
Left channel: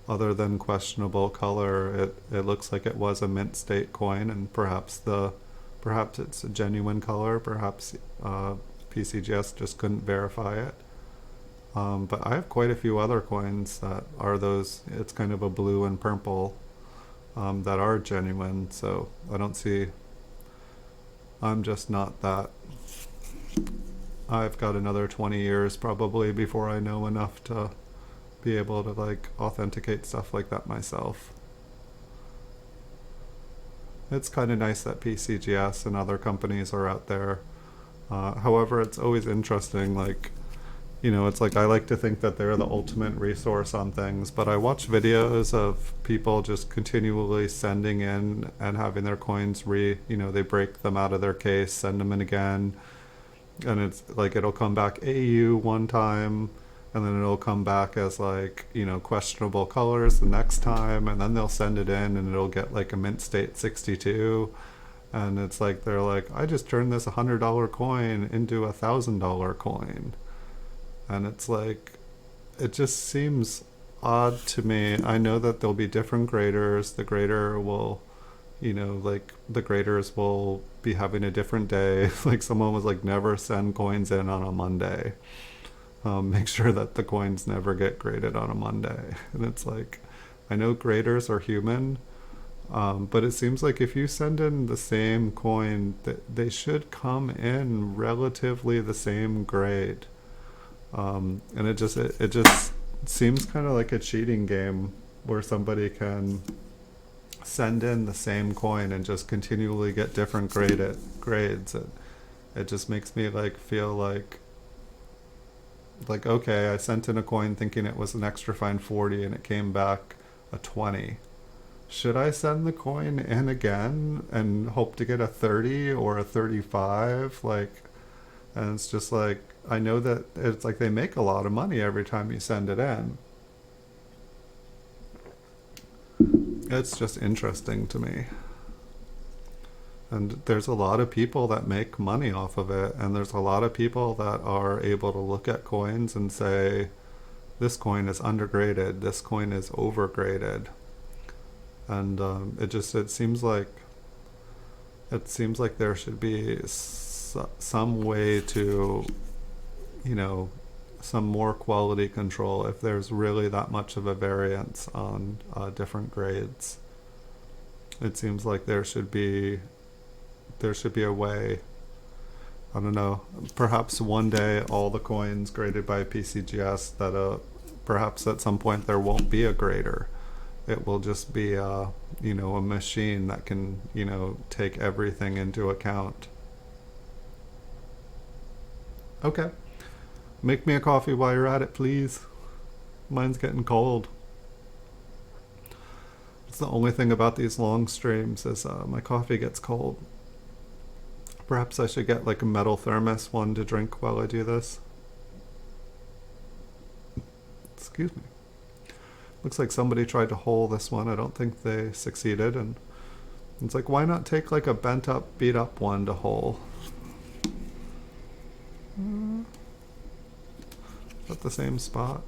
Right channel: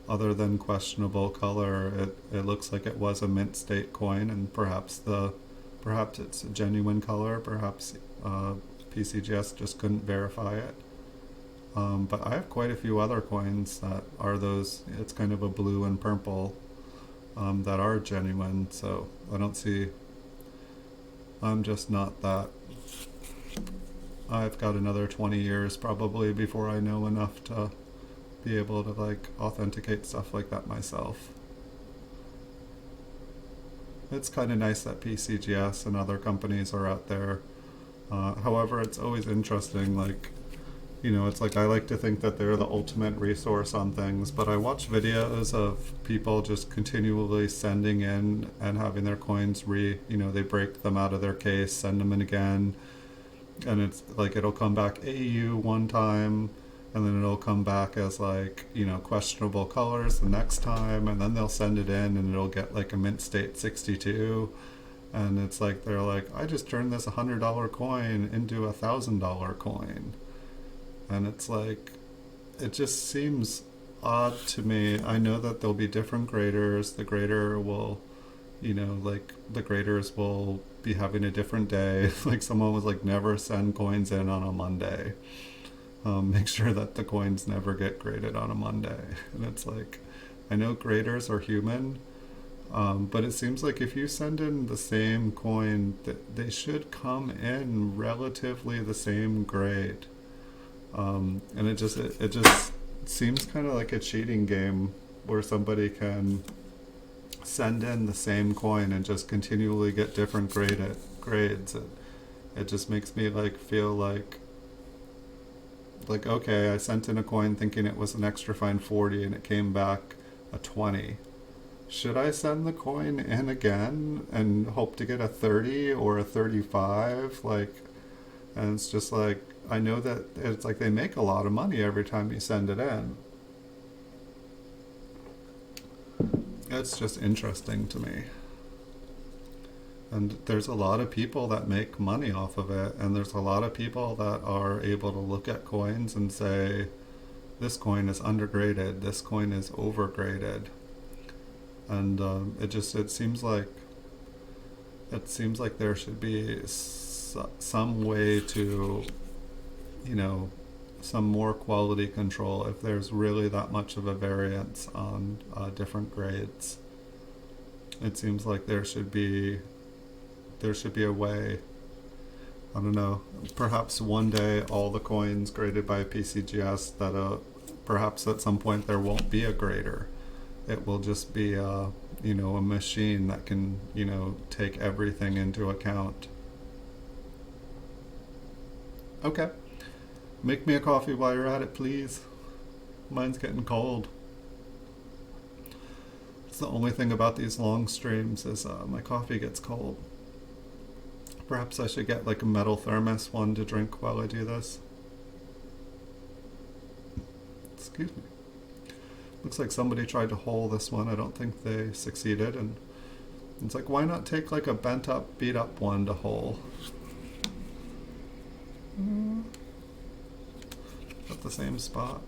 other than questionable color, it looks like it was a mint state coin, and perhaps it's a genuine color, perhaps PCGS just couldn't verify it. But I have quite a few other coins that are those, it's kind of a blue and purple, that are genuine, so I'm just not that. I've got another 20 years probably before I know enough to be able to like authenticate stuff like that myself. It's kind of nice that PCGS and other companies are out there. However, it's always interesting, like, you know, it's like I like to think that they're the ultimate resource on things, but I watch videos of people just continually sending in and having their coins you know, they break them out of their case, send them in again, and it's like it'll come back AU one time, and then it'll come back as like, you know, questionable colors the next time, and then they'll send it in and it'll get like a mint state 62, and it's like they're like, I just turned this $100 coin into $1,000 coin, and it's like, it just seems odd to me. I know that there'll be different graders. The grader will, you know, like the graders will be having a different day. Like someone was like, never send coins in on a Monday. Make sure that the coins never get graded on a Monday. And it's like, I know graders are human, but it seems like if you send in the same coin, they should come in relatively the same grade. And it just seems kind of like a cheating game where somebody can send in the same coin and just continually get different grades. It just makes me like feel like okay, I sent in a coin thinking it was an extra fine 40 and it came back a 20. Should I send the coin in again and hope to get a 30 or a 35? Like, and it's just like, I know that it's like they make a lot of money every time you send it in. It's just interesting to me. And there's a lot of people that make money off of it, and there's a lot of people that are able to look at coins and say, this coin is undergraded, this coin is overgraded. And it seems like there should be some way to, you know, some more quality control if there's really that much of a variance on different grades. It seems like there should be a way. I don't know, perhaps one day all the coins graded by PCGS, that perhaps at some point there won't be a grader. It will just be you know, a machine that can, you know, take everything into account. Okay. Make me a coffee while you're at it, please. Mine's getting cold. It's the only thing about these long streams is my coffee gets cold. Perhaps I should get like a metal thermos one to drink while I do this. Excuse me. Looks like somebody tried to hole this one. I don't think they succeeded. And it's like, why not take like a bent up, beat up one to hole? At the same spot.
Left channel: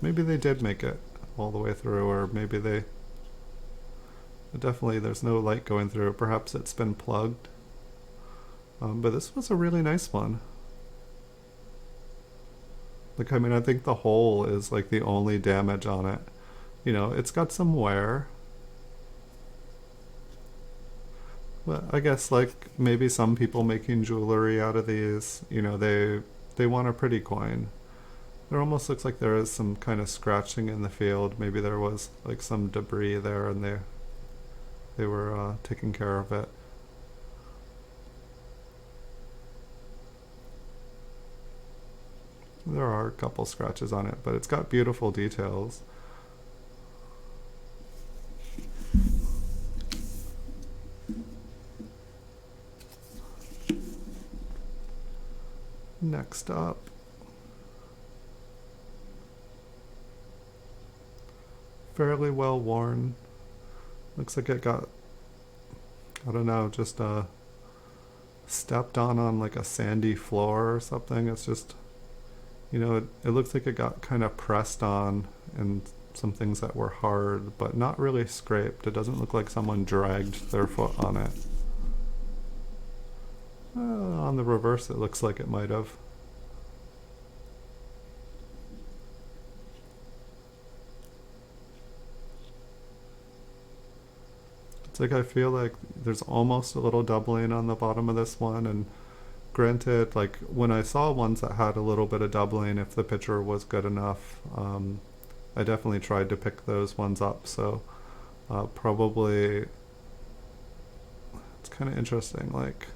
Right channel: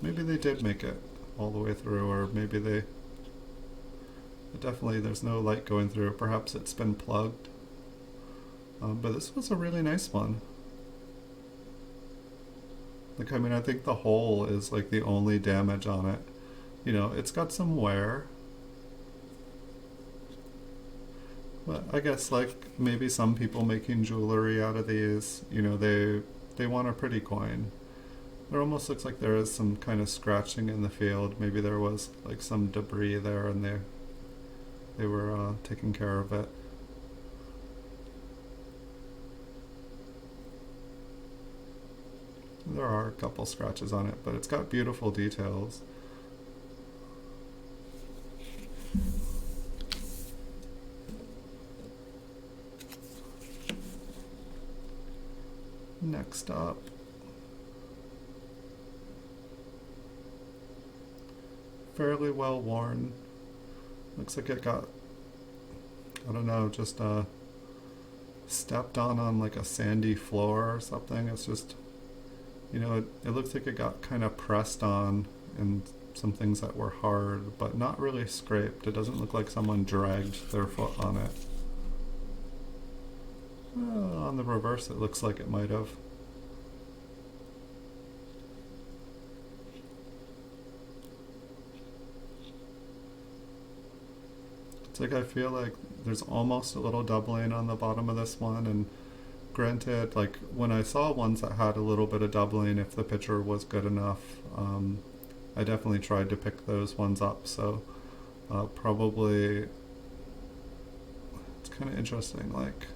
Maybe they did make it all the way through, or maybe they... Definitely there's no light going through it. Perhaps it's been plugged. But this was a really nice one. Like, I mean, I think the hole is like the only damage on it. You know, it's got some wear. But I guess like maybe some people making jewelry out of these, you know, they want a pretty coin. There almost looks like there is some kind of scratching in the field. Maybe there was like some debris there and they were taking care of it. There are a couple scratches on it, but it's got beautiful details. Next up, fairly well worn. Looks like it got, I don't know, just stepped on like a sandy floor or something. It's just, you know, it looks like it got kind of pressed on and some things that were hard, but not really scraped. It doesn't look like someone dragged their foot on it. On the reverse, it looks like it might have. It's like I feel like there's almost a little doubling on the bottom of this one, and granted, like when I saw ones that had a little bit of doubling, if the picture was good enough, I definitely tried to pick those ones up. So probably it's kind of interesting. Like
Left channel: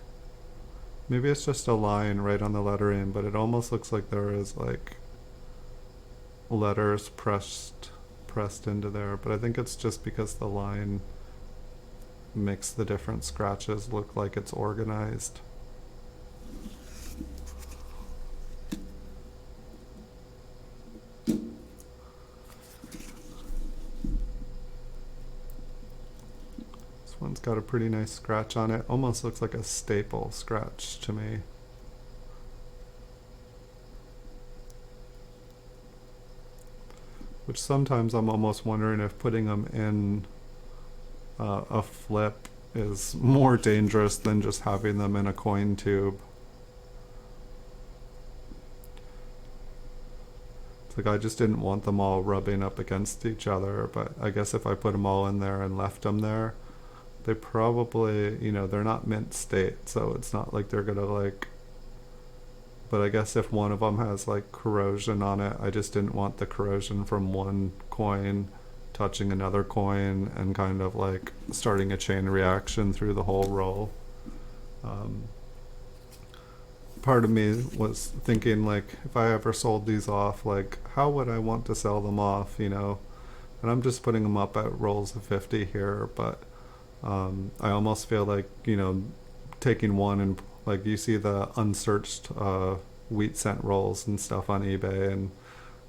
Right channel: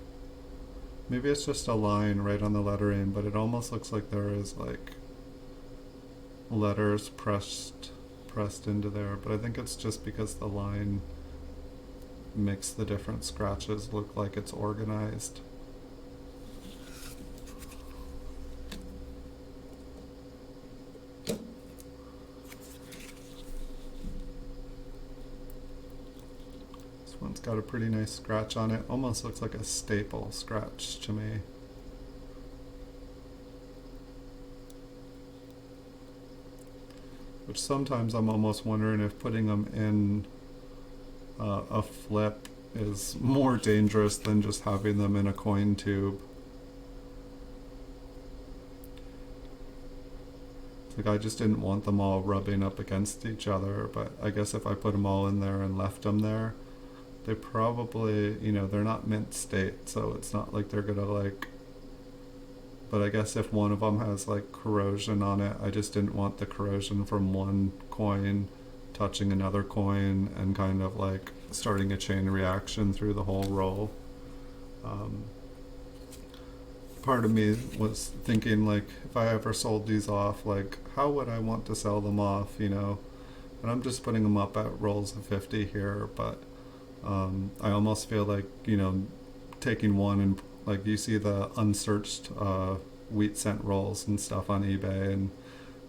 maybe it's just a line right on the lettering, but it almost looks like there is like letters pressed into there, but I think it's just because the line makes the different scratches look like it's organized. This one's got a pretty nice scratch on it. Almost looks like a staple scratch to me. Which sometimes I'm almost wondering if putting them in a flip is more dangerous than just having them in a coin tube. It's like I just didn't want them all rubbing up against each other, but I guess if I put them all in there and left them there, they probably, you know, they're not mint state, so it's not like they're gonna like, but I guess if one of them has like corrosion on it, I just didn't want the corrosion from one coin touching another coin and kind of like starting a chain reaction through the whole roll. Part of me was thinking like, if I ever sold these off, like how would I want to sell them off, you know? And I'm just putting them up at rolls of 50 here, but I almost feel like, you know, taking one and like you see the unsearched wheat cent rolls and stuff on eBay, and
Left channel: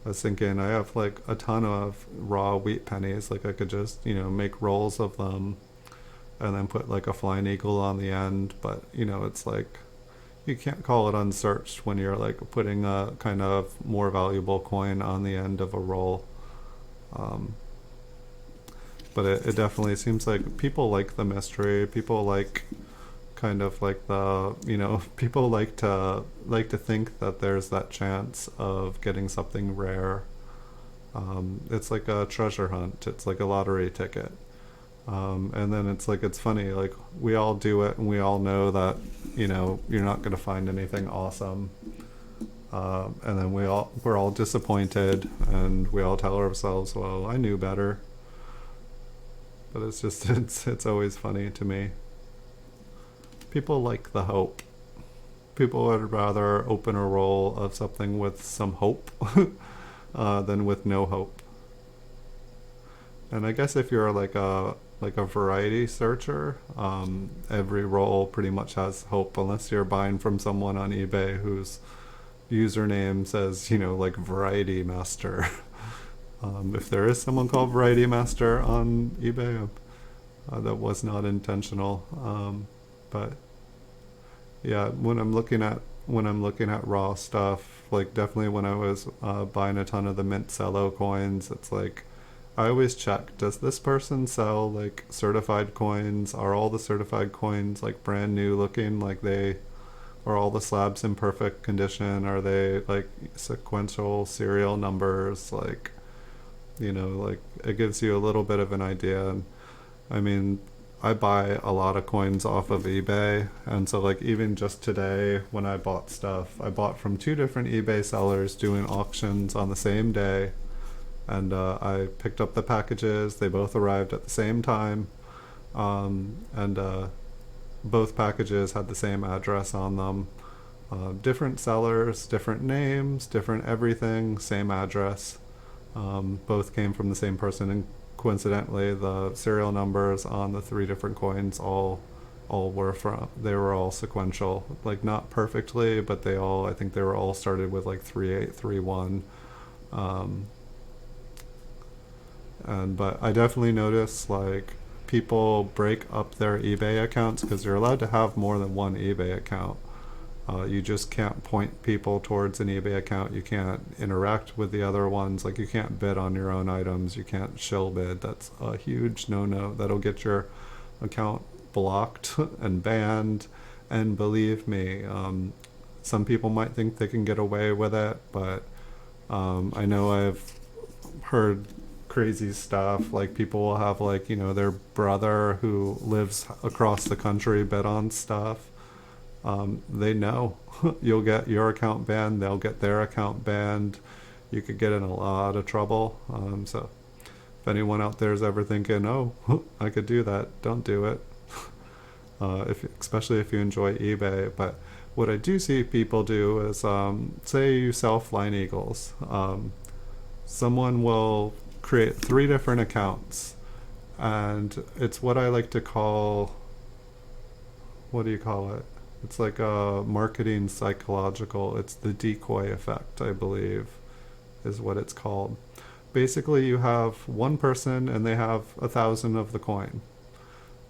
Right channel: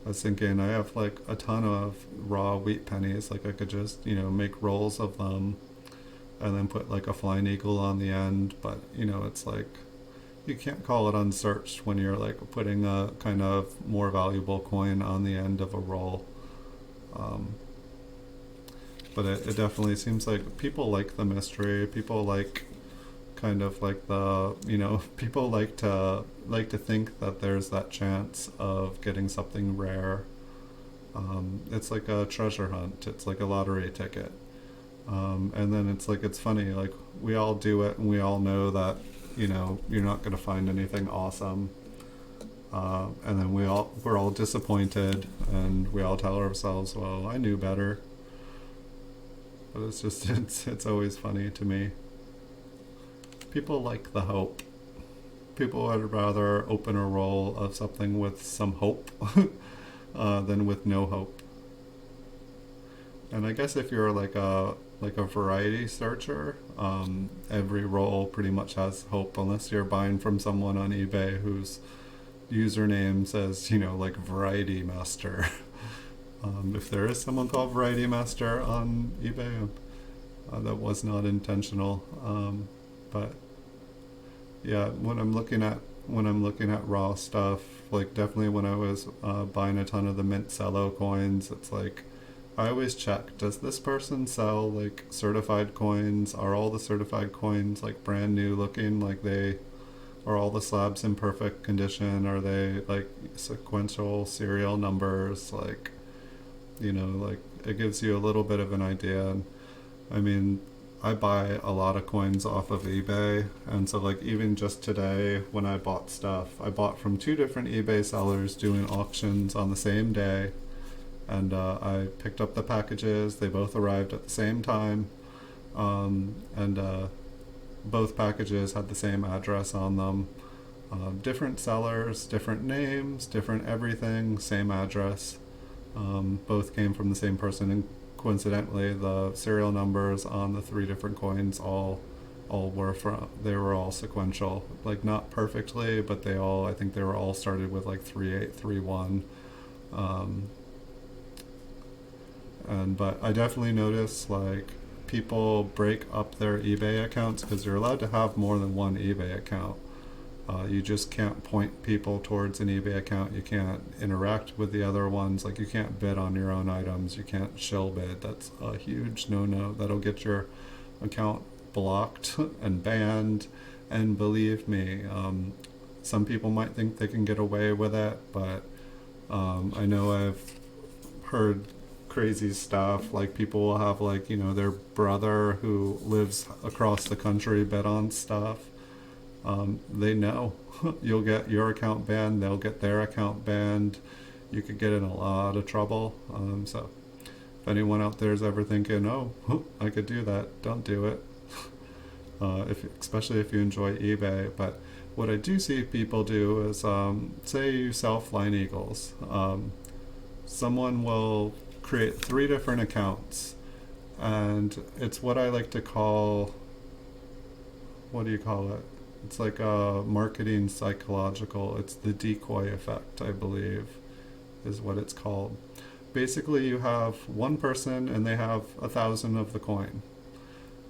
I was thinking I have like a ton of raw wheat pennies, like I could just, you know, make rolls of them and then put like a flying eagle on the end, but you know, it's like you can't call it unsearched when you're like putting a kind of more valuable coin on the end of a roll. But it definitely seems like people like the mystery, people like kind of like the, you know, people like to think that there's that chance of getting something rare. It's like a treasure hunt, it's like a lottery ticket. And then it's like, it's funny, like we all do it and we all know that, you know, you're not going to find anything awesome. And then we're all disappointed and we all tell ourselves, well, I knew better. But it's just, it's always funny to me. People like the hope. People would rather open a roll of something with some hope than with no hope. And I guess if you're like a variety searcher, every roll pretty much has hope, unless you're buying from someone on eBay whose username says, you know, like Variety Master. If there is someone called Variety Master on eBay, that was not intentional. But yeah, when I'm looking at raw stuff, like definitely when I was buying a ton of the mint cello coins, it's like I always check, does this person sell like certified coins? Are all the certified coins like brand new looking, like they are all the slabs in perfect condition? Are they like sequential serial numbers? Like, you know, like it gives you a little bit of an idea. I mean, I buy a lot of coins off of eBay, and so like even just today when I bought stuff, I bought from 2 different eBay sellers doing auctions on the same day, and I picked up the packages. They both arrived at the same time, and both packages had the same address on them. Different sellers, different names, different everything, same address. Both came from the same person, and coincidentally the serial numbers on the 3 different coins all were they were all sequential, like not perfectly, but they all, I think they were all started with like 3831. But I definitely notice like people break up their eBay accounts because you're allowed to have more than one eBay account. You just can't point people towards an eBay account. You can't interact with the other ones. Like you can't bid on your own items. You can't shill bid. That's a huge no-no. That'll get your account blocked and banned. And believe me, some people might think they can get away with it, but I know I've heard crazy stuff. Like people will have like, you know, their brother who lives across the country bid on stuff. They know you'll get your account banned, they'll get their account banned. You could get in a lot of trouble. So if anyone out there is ever thinking, oh, I could do that, don't do it. Especially if you enjoy eBay. But what I do see people do is, say you sell flying eagles. someone will create 3 different accounts, and it's what I like to call, what do you call it? It's like a marketing psychological, it's the decoy effect, I believe, is what it's called. Basically, you have one person and they have 1,000 of the coin.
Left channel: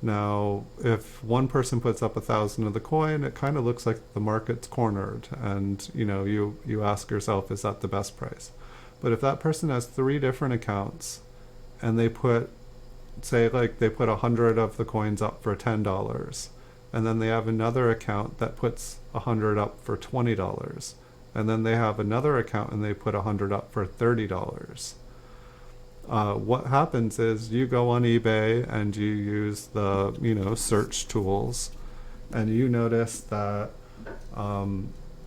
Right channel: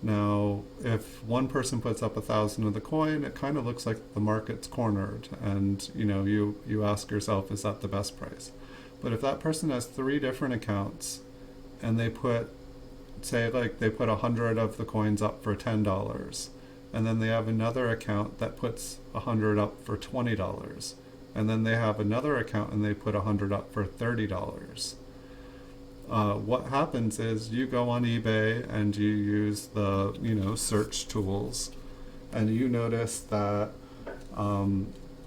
Now, if one person puts up 1,000 of the coin, it kind of looks like the market's cornered, and you ask yourself, is that the best price? But if that person has 3 different accounts and they put, say, like they put 100 of the coins up for $10, and then they have another account that puts 100 up for $20, and then they have another account and they put 100 up for $30. What happens is you go on eBay and you use the search tools, and you notice that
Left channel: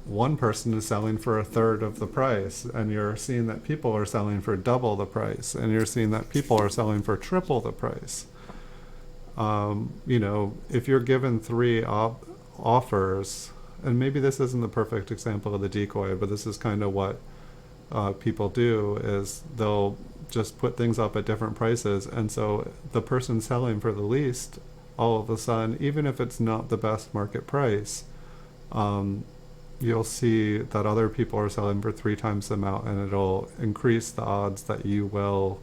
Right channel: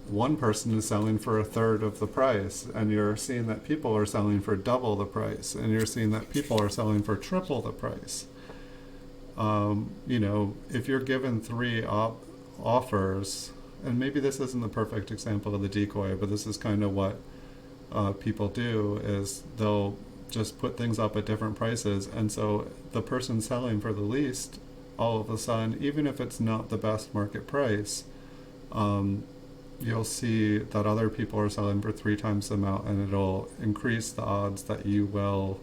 one person is selling for 1/3 of the price, and you're seeing that people are selling for double the price, and you're seeing that people are selling for triple the price. If you're given 3 offers, and maybe this isn't the perfect example of the decoy, but this is kind of what people do, is they'll just put things up at different prices, and so the person selling for the least, all of a sudden, even if it's not the best market price, you'll see that other people are selling for 3 times the amount, and it'll increase the odds that you will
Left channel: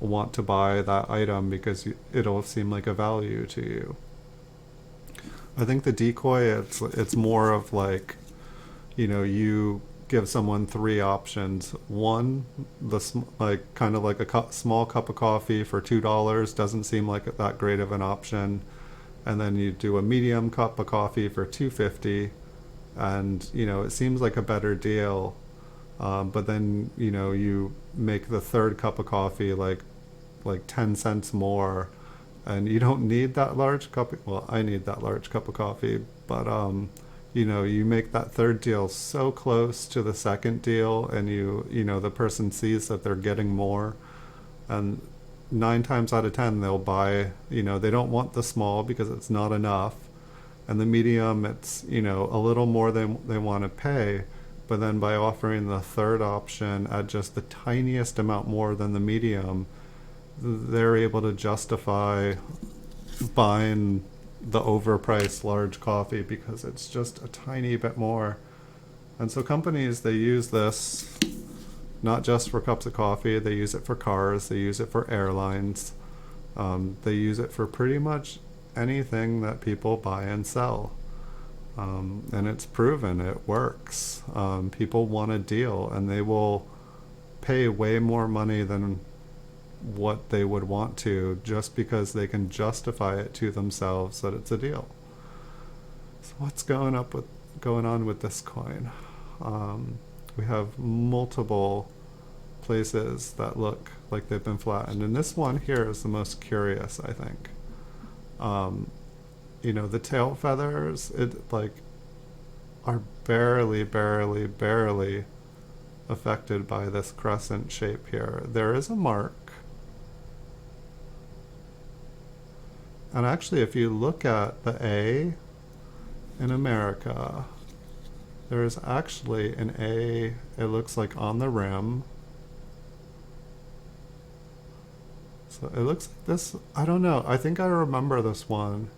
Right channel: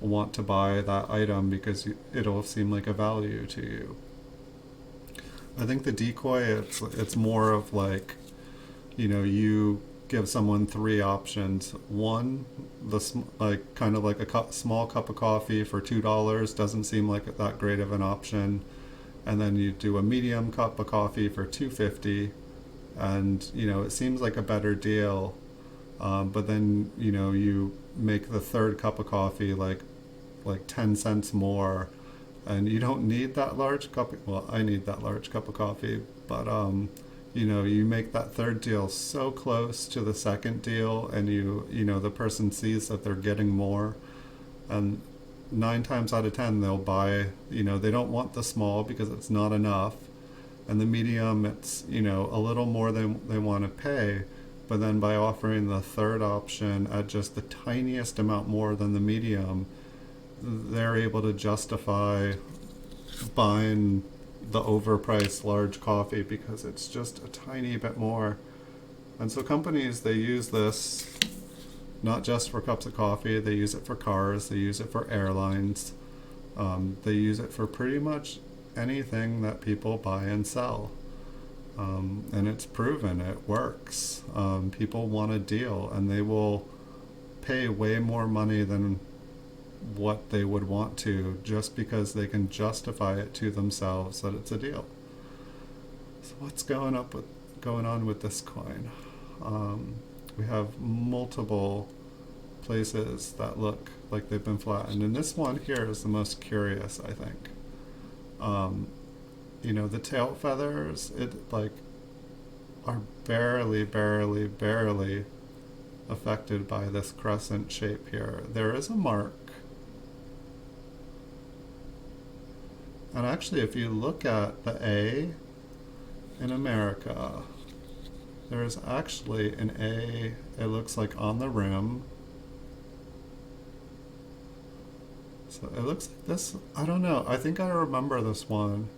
want to buy that item because it'll seem like a value to you. I think the decoy, it's more of like, you give someone 3 options. One, kind of like a small cup of coffee for $2 doesn't seem like that great of an option, and then you do a medium cup of coffee for $2.50, and it seems like a better deal. But then you make the 3rd cup of coffee like 10 cents more, and you don't need that large cup. Well, I need that large cup of coffee, but you make that 3rd deal so close to the 2nd deal, and the person sees that they're getting more, and 9 times out of 10 they'll buy. They don't want the small because it's not enough, and the medium, it's a little more than they want to pay. But then by offering the 3rd option at just the tiniest amount more than the medium, they're able to justify buying the overpriced large coffee because it's just a tiny bit more. And so companies, they use this not just for cups of coffee, they use it for cars, they use it for airlines, they use it for pretty much anything that people buy and sell. And it's proven it works. People want a deal, and they will pay way more money than what they would want to, just because they can justify it to themselves that it's a deal. So what's going on with this coin? We have multiple places that look like they've been flattened, and this one here is the most curious, I think. The tail feathers, are barely affected by this crescent shape here. There is a mark. And actually, if you look at the A in America, there is actually an A, it looks like, on the rim. So it looks like this, I don't know, I think I remember this one.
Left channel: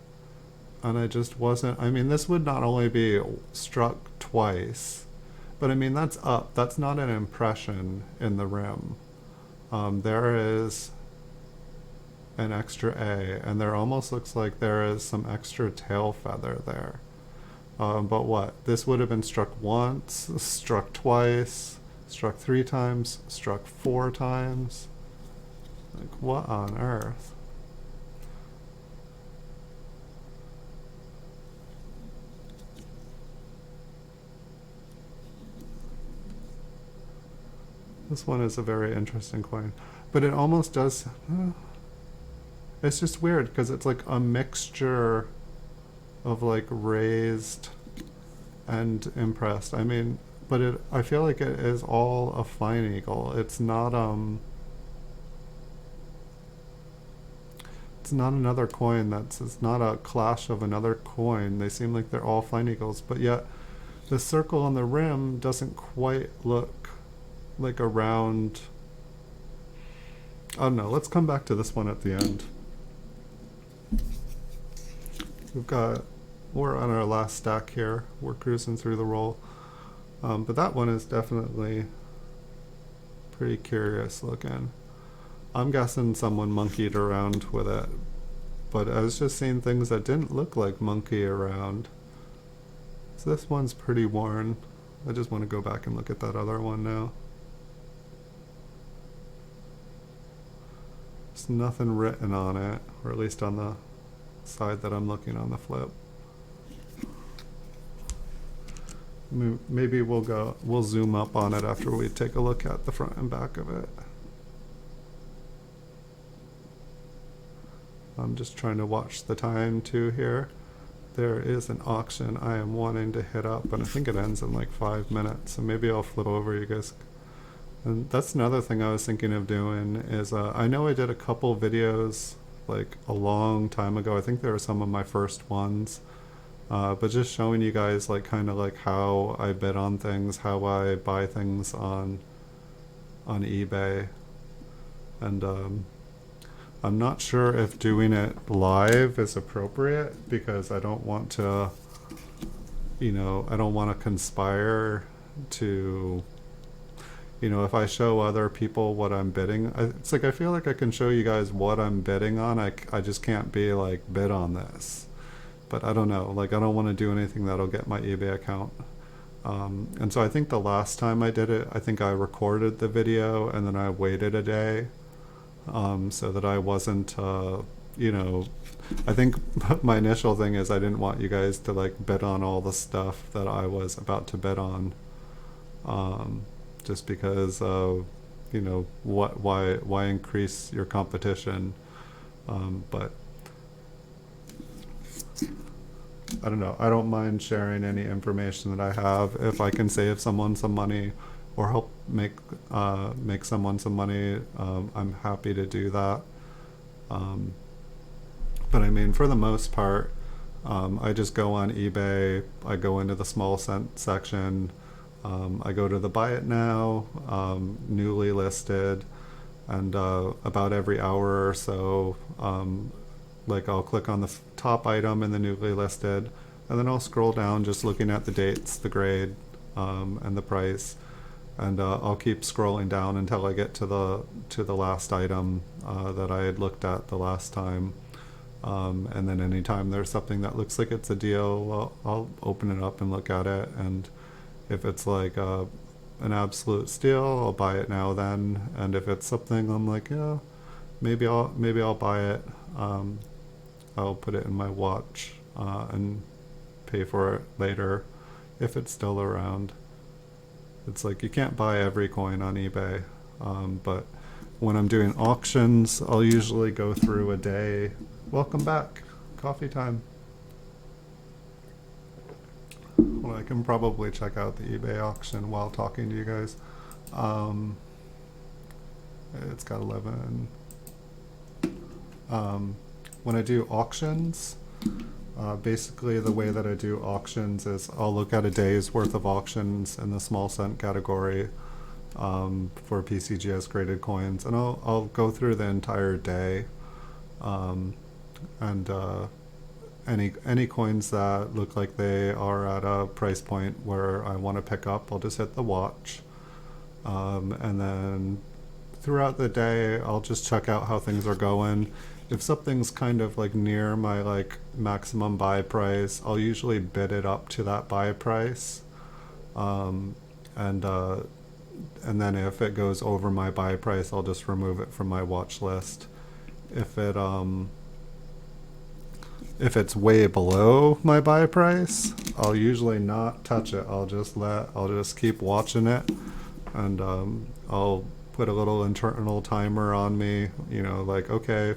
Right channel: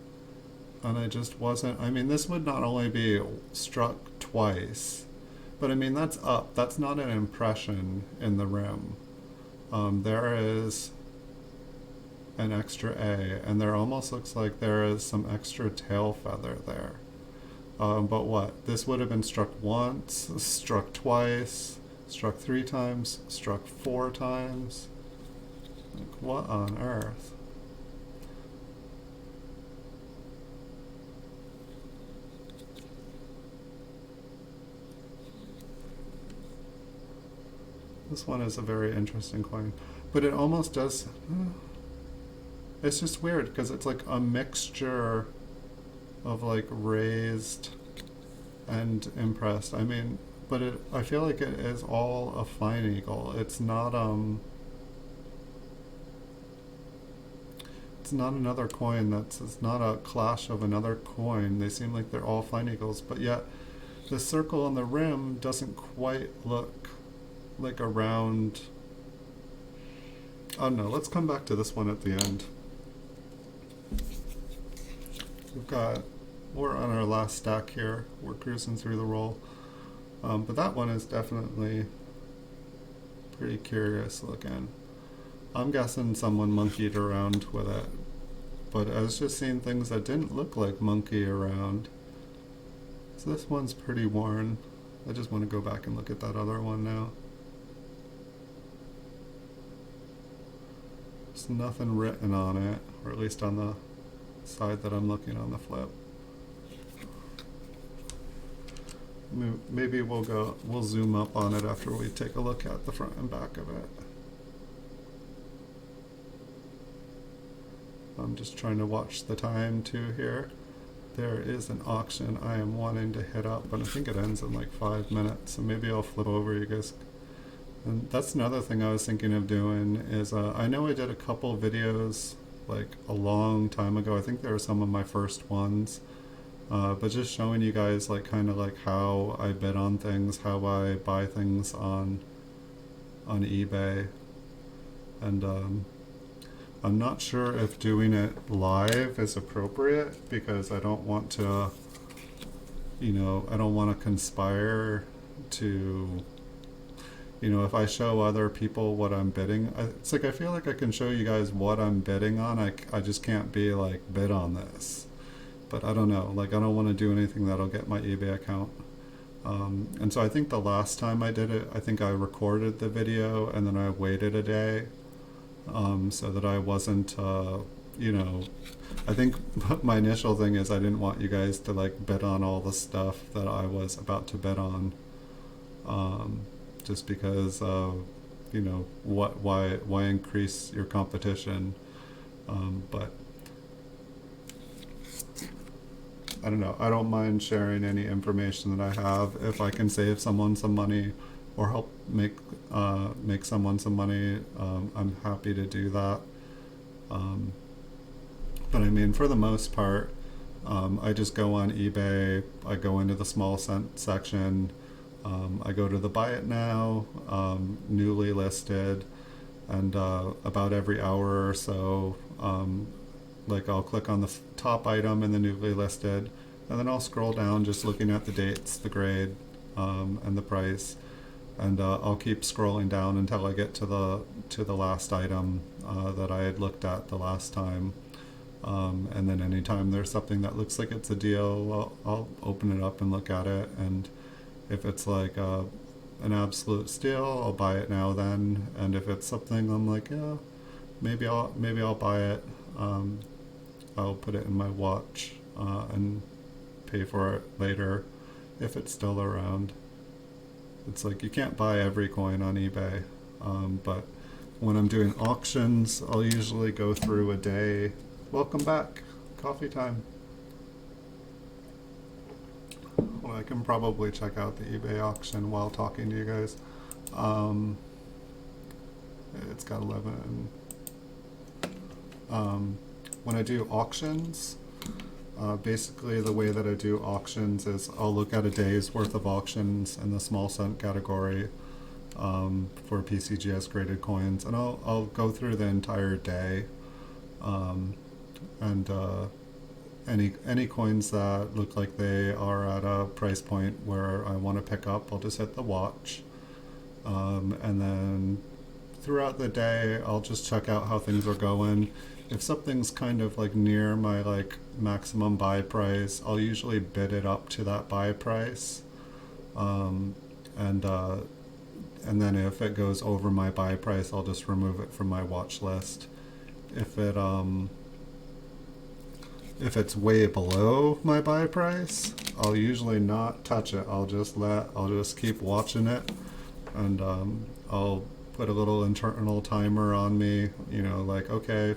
And I just wasn't, this would not only be struck twice, but that's up. That's not an impression in the rim. There is an extra A, and there almost looks like there is some extra tail feather there. But what? This would have been struck once, struck twice, struck 3 times, struck 4 times. What on earth? This one is a very interesting coin, but it almost does, it's just weird because it's like a mixture of like raised and impressed. But I feel like it is all a fine eagle. It's not another coin it's not a clash of another coin. They seem like they're all fine eagles, but yet the circle on the rim doesn't quite look like a round Oh no, let's come back to this one at the end. We're on our last stack here. We're cruising through the roll. But that one is definitely pretty curious looking. I'm guessing someone monkeyed around with it. But I was just seeing things that didn't look like monkey around. So this one's pretty worn. I just want to go back and look at that other one now. There's nothing written on it, or at least on the side that I'm looking on the flip. Maybe we'll zoom up on it after we take a look at the front and back of it. I'm just trying to watch the time too here. There is an auction I am wanting to hit up, but I think it ends in like 5 minutes, so maybe I'll flip over, you guys. And that's another thing I was thinking of doing is, I know I did a couple videos like a long time ago. I think they were some of my first ones. But just showing you guys like kind of like how I bid on things, how I buy things on eBay. And I'm not sure if doing it live is appropriate because I don't want to, I don't want to conspire to, if I show other people what I'm bidding, it's like I feel like I can show you guys what I'm bidding on. I just can't be like, bid on this. But I don't know, like I don't want to do anything that'll get my eBay account. And so I think the last time I did it, I think I recorded the video and then I waited a day so that I wasn't, I think my initial thing is I didn't want you guys to like bid on all the stuff that I was about to bid on. Just because, why increase your competition? But I don't know. I don't mind sharing any information that I have. If I can save someone some money or help make someone some money, I'm happy to do that. But I mean, for the most part, I just go on eBay. I go into the small section. I go to the buy it now, newly listed, and about every hour or so, like I'll click on the top item in the newly listed, and then I'll scroll down just looking at the dates, the grade, and the price, and I'll keep scrolling down until I get to the last item that I had looked at the last time. And then anytime there's something that looks like it's a deal, I'll open it up and look at it, and if it's like an absolute steal, I'll buy it now then, and if it's something I'm like, yeah, maybe I'll buy it. I'll put it in my watch and pay for it later if it's still around. It's like you can't buy every coin on eBay, but when I'm doing auctions, I'll usually go through a day. Welcome back, coffee time. Well, I can probably check out the eBay auction while talking to you guys. It's got 11. When I do auctions, basically the way that I do auctions is I'll look at a day's worth of auctions in the small cent category for PCGS graded coins, and I'll go through the entire day, and any coins that look like they are at a price point where I want to pick up, I'll just hit the watch, and then throughout the day I'll just check out how things are going. If something's kind of like near my like maximum buy price, I'll usually bid it up to that buy price, and then if it goes over my buy price, I'll just remove it from my watch list. If it's way below my buy price, I'll usually not touch it. I'll just keep watching it, and I'll put a little internal timer on me, like, okay,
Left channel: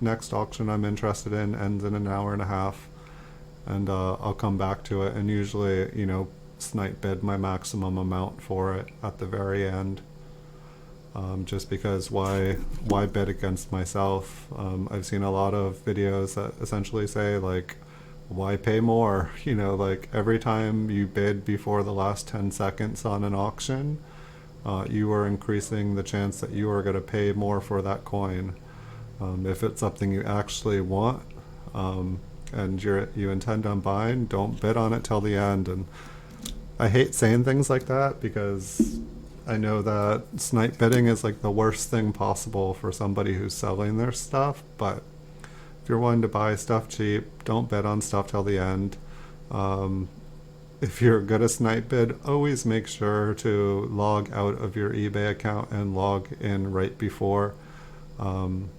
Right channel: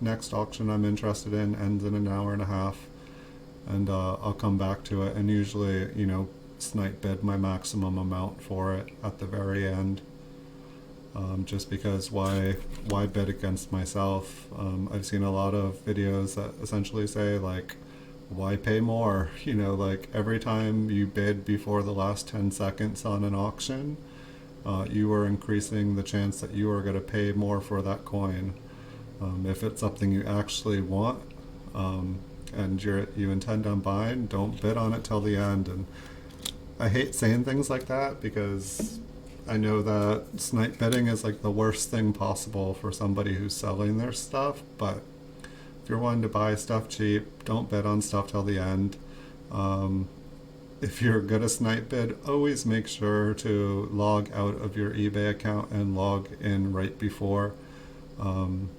next auction I'm interested in ends in an hour and a half, and I'll come back to it and usually, snipe bid my maximum amount for it at the very end, just because why bid against myself? I've seen a lot of videos that essentially say, like, why pay more? Like every time you bid before the last 10 seconds on an auction, you are increasing the chance that you are going to pay more for that coin. If it's something you actually want, and you intend on buying, don't bid on it till the end. And I hate saying things like that because I know that snipe bidding is like the worst thing possible for somebody who's selling their stuff, but if you're wanting to buy stuff cheap, don't bid on stuff till the end. If you're good at snipe bid, always make sure to log out of your eBay account and log in right before.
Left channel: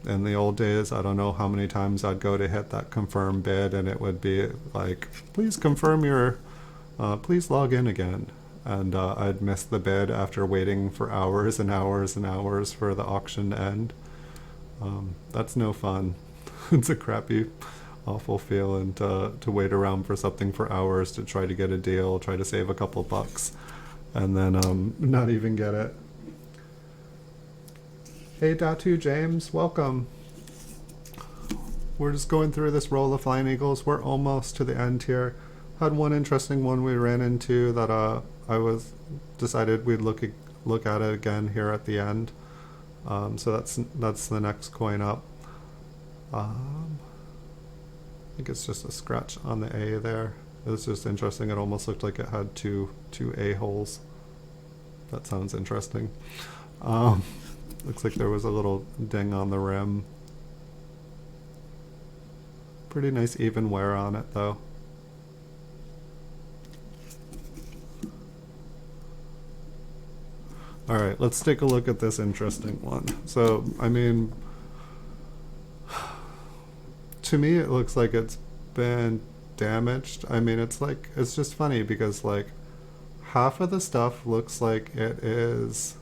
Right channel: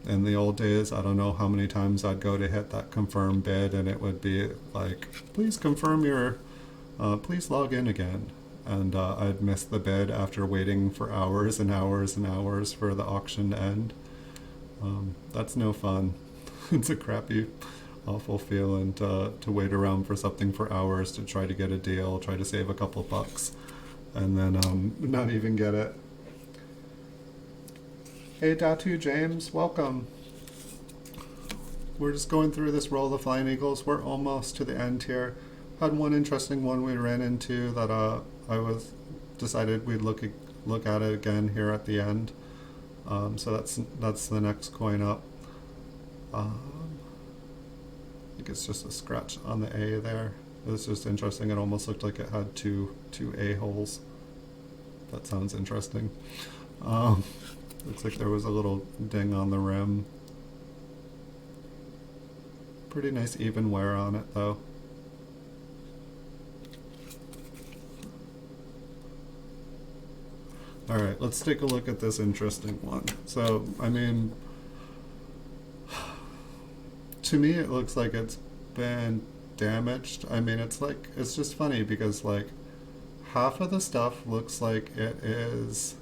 In the old days, I don't know how many times I'd go to hit that confirm bid and it would be like, please confirm your, please log in again. And I'd miss the bid after waiting for hours and hours and hours for the auction to end. That's no fun. It's a crappy, awful feeling to wait around for something for hours to try to get a deal, try to save a couple bucks, and then not even get it. Hey Datu James, welcome. We're just going through this roll of Flying Eagles. We're almost to the end here. Had one interesting one we ran into that I decided we'd look at it again here at the end. So that's the next coin up. I think it's just a scratch on the A there. It was just interesting. It almost looked like it had two A holes. That sounds interesting. Looks like there was a little ding on the rim. Pretty nice even wear on it though. Alright, let's take a look at this interesting one. So, I mean, to me it looks like it's been damaged. I mean, it's just funny because like half of the stuff looks like it is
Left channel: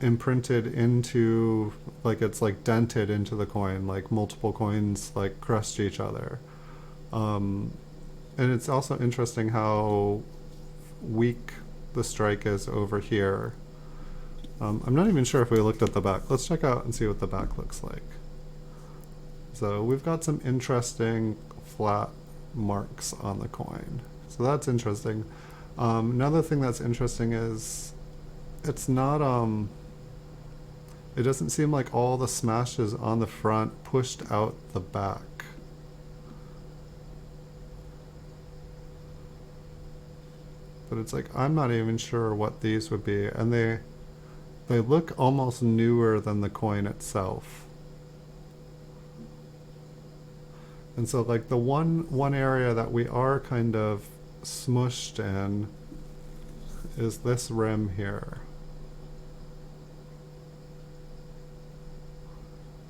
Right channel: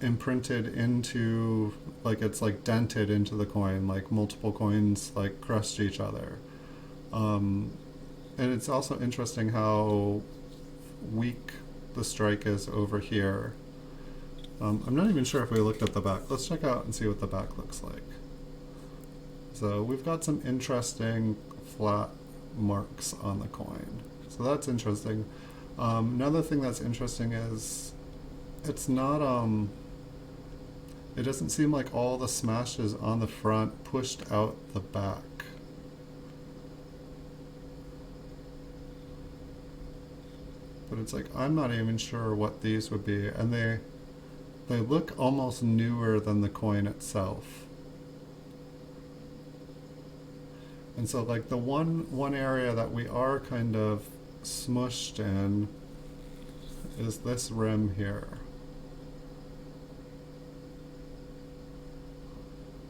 imprinted into, like it's like dented into the coin, like multiple coins like crushed each other. And it's also interesting how weak the strike is over here. I'm not even sure if we looked at the back. Let's check out and see what the back looks like. So we've got some interesting flat marks on the coin. So that's interesting. Another thing that's interesting is it's not, it doesn't seem like all the smashes on the front pushed out the back. But it's like, I'm not even sure what these would be. And they look almost newer than the coin itself. And so like the one area that we are kind of smushed in is this rim here.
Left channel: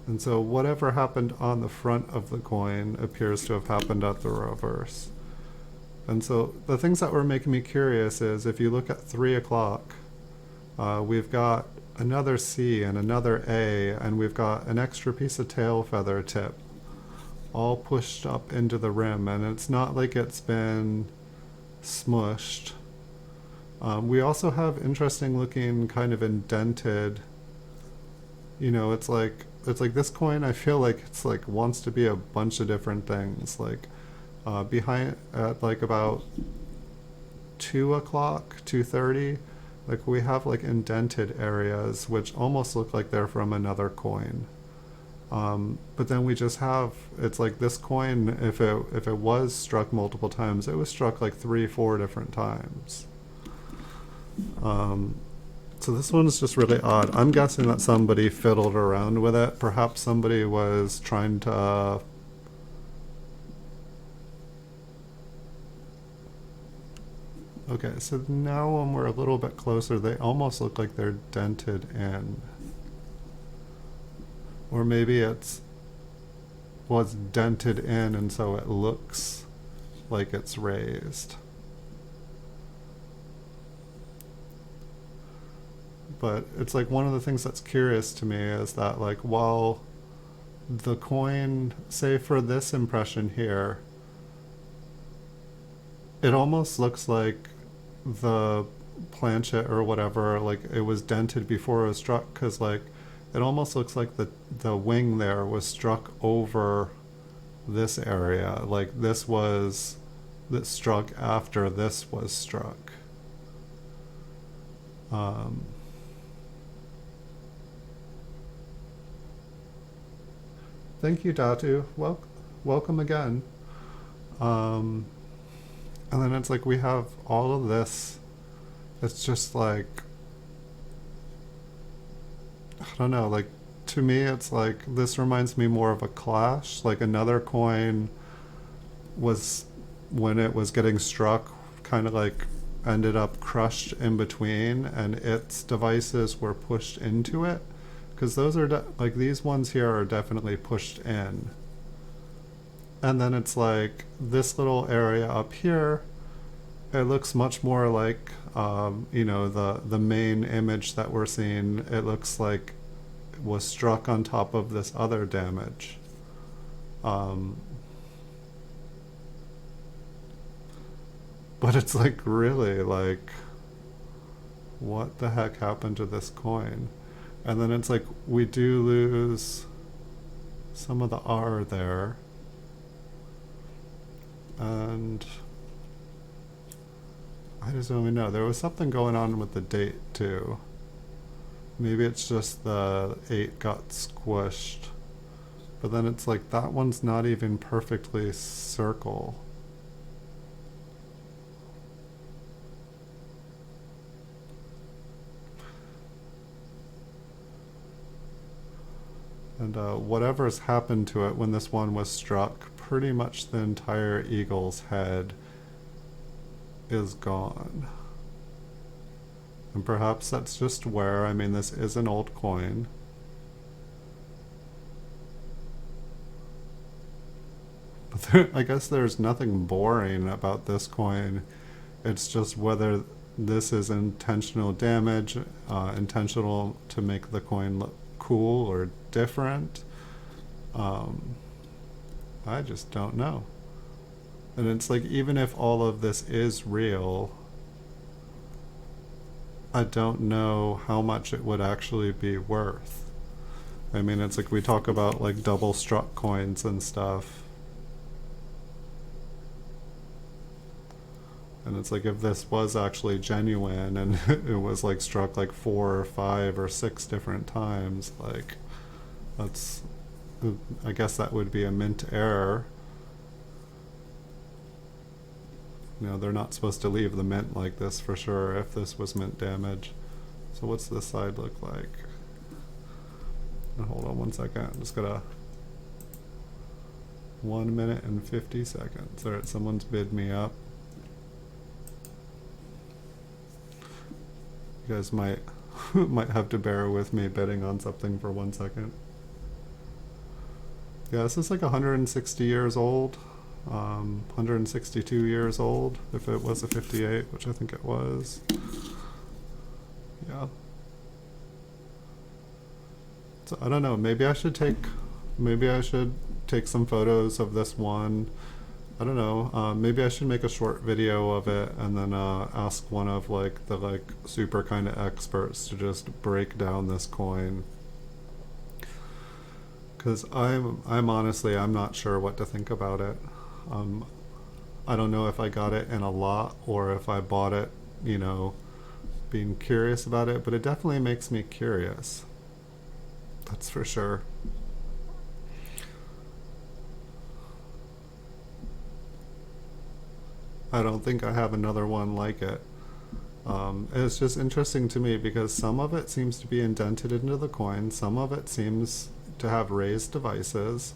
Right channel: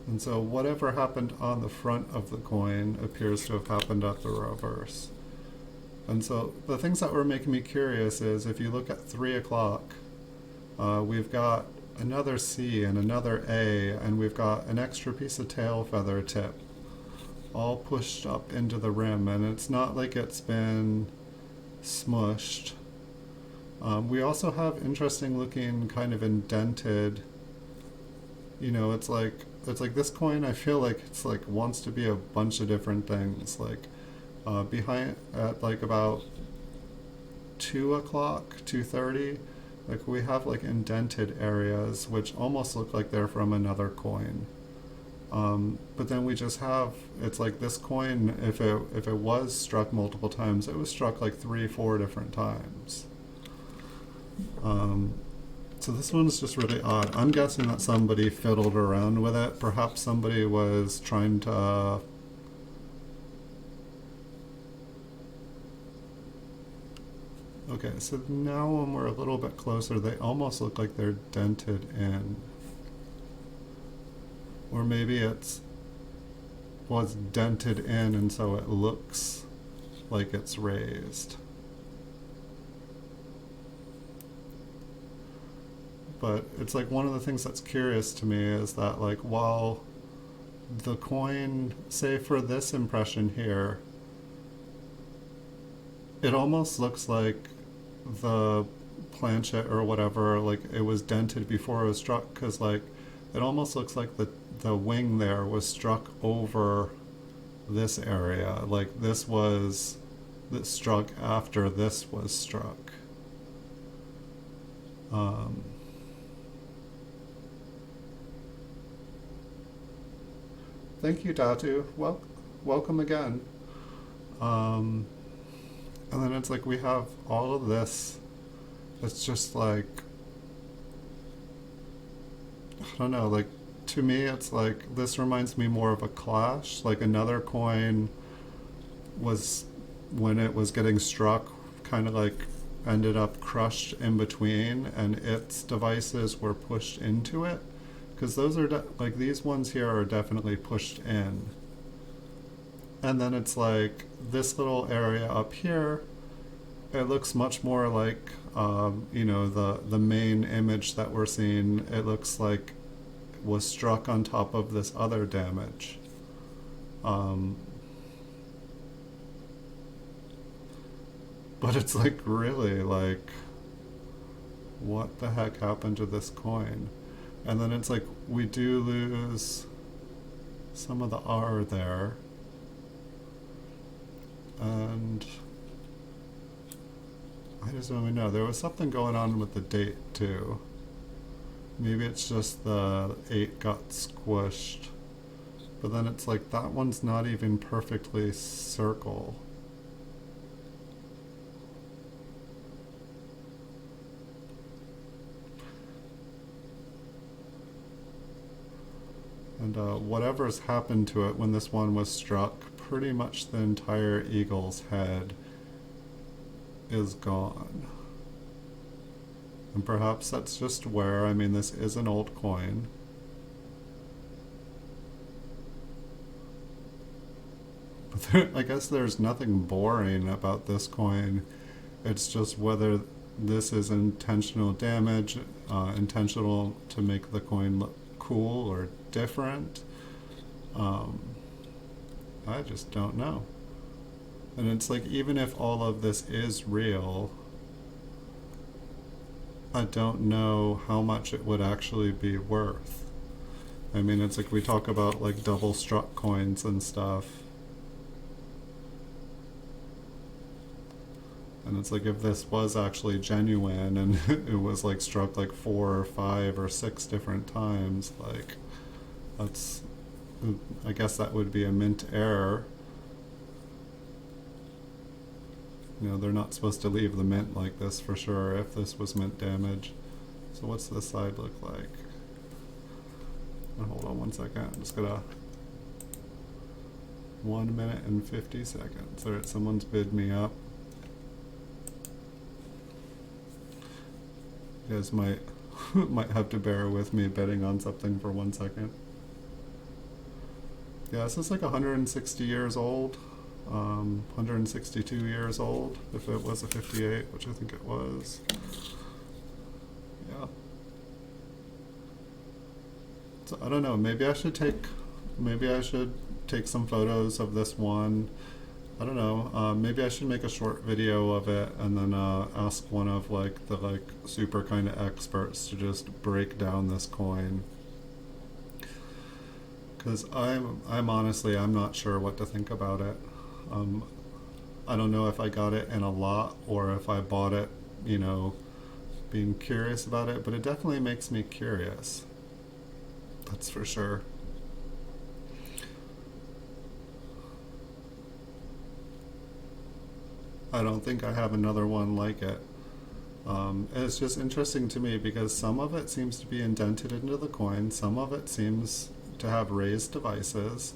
And so whatever happened on the front of the coin appears to have happened at the reverse. And so the things that were making me curious is if you look at 3 o'clock, we've got another C and another A, and we've got an extra piece of tail feather tip all pushed up into the rim, and it's not like it's been smushed. We also have interesting looking kind of indented, you know, it's like this coin, I feel like it's like wants to be a bunch of different things. Like behind at like about 2 o'clock, 2:30, like we have like indented areas which almost look like they're from another coin. But then we just have, it's like this coin, if it was struck multiple times, it was struck like 3-4 different times. So this one is just really odd. I'm guessing that somebody fiddled around with it. Perhaps somebody was trying to okay, so now when we're a little bit closer, they almost look like they're dented in. Or maybe was dented in and so it looks like it's raised. But it's like one of the things that's curious to me is that like while the coin, say for this impression here, it almost looks like the planchet or whatever, like it was dented before it was struck, because like it almost looks like the wing there was struck over this area, like this struck after this was struck. Um, Thank you, Datu. Welcome again. Um, and then it's like we have all of this. It's just like, I don't know, like to me it's like this reminds me more of a clash. Like another coin was, when it was getting struck, kind of like ended up crushed in between and its devices were pushed into it. Because those are like these ones here are definitely pushed in. And then it's like this little area up here, it looks much more like, you know, the main image that we're seeing. It looks like it was struck on top of this other damage. But it's like really like, what the heck happened to this coin? And then it's like we do lose some of the R there. And I just don't even know. There was something going on with the date too. Maybe it's just the 8 got squished. But then it's like that one's not even perfectly circle. And whatever's happened to it when this one was struck, pretty much the entire eagle's head is gone. And perhaps that's just wear. I mean, this is an old coin. But there, I guess there's nothing boring about this coin. It's just whether this is intentional damage, intentional to make the coin look cool or different. I just don't know. And it's like, even if all of this is real, I don't know how much it would actually be worth. I mean, it's like we talk about like double struck coins and stuff. And it's like, if this was actually genuine and it was like struck like 4 or 5 or 6 different times, like that's, I guess that would be a mint error. You know, they're not supposed to leave the mint like this for sure if this was mint damage. So what's this side look like? Hold on 1 second. I'm just gonna 1 minute and 50 seconds. Alright, someone's bid me up. You guys might might have to bear with me bidding on something for 1 second. Yeah, this is like 160 years old, 162 years old, if it was a 58, which I think it was. Yeah. So I don't know, maybe I should take some photos of this one. I don't know, maybe I should make a short video of it and then ask one of like the super kind of experts to just break down this coin. Because I'm honestly, I'm not sure what to think about it. I don't know if I got it in a lot or if I bought it, you know, being curious about it, but it definitely makes me curious. That's for sure. I don't think I have another one like it. It's just interesting to me because some of it seems to be indented into the coin, some of it seems to have raised devices,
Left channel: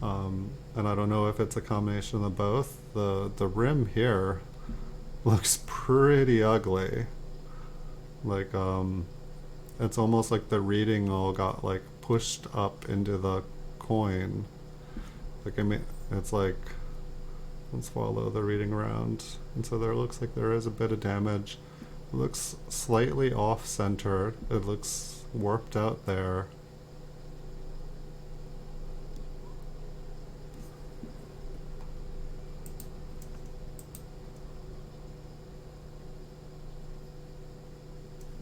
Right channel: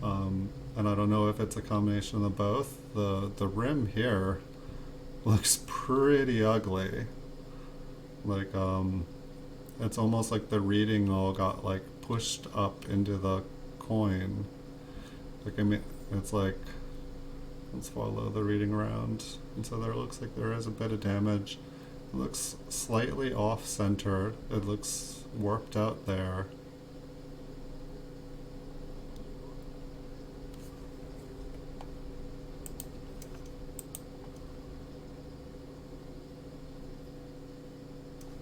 and I don't know if it's a combination of both. The rim here looks pretty ugly. Like, it's almost like the reading all got like pushed up into the coin. Like, I mean, it's like, let's follow the reading around. And so there looks like there is a bit of damage. It looks slightly off-center. It looks warped out there.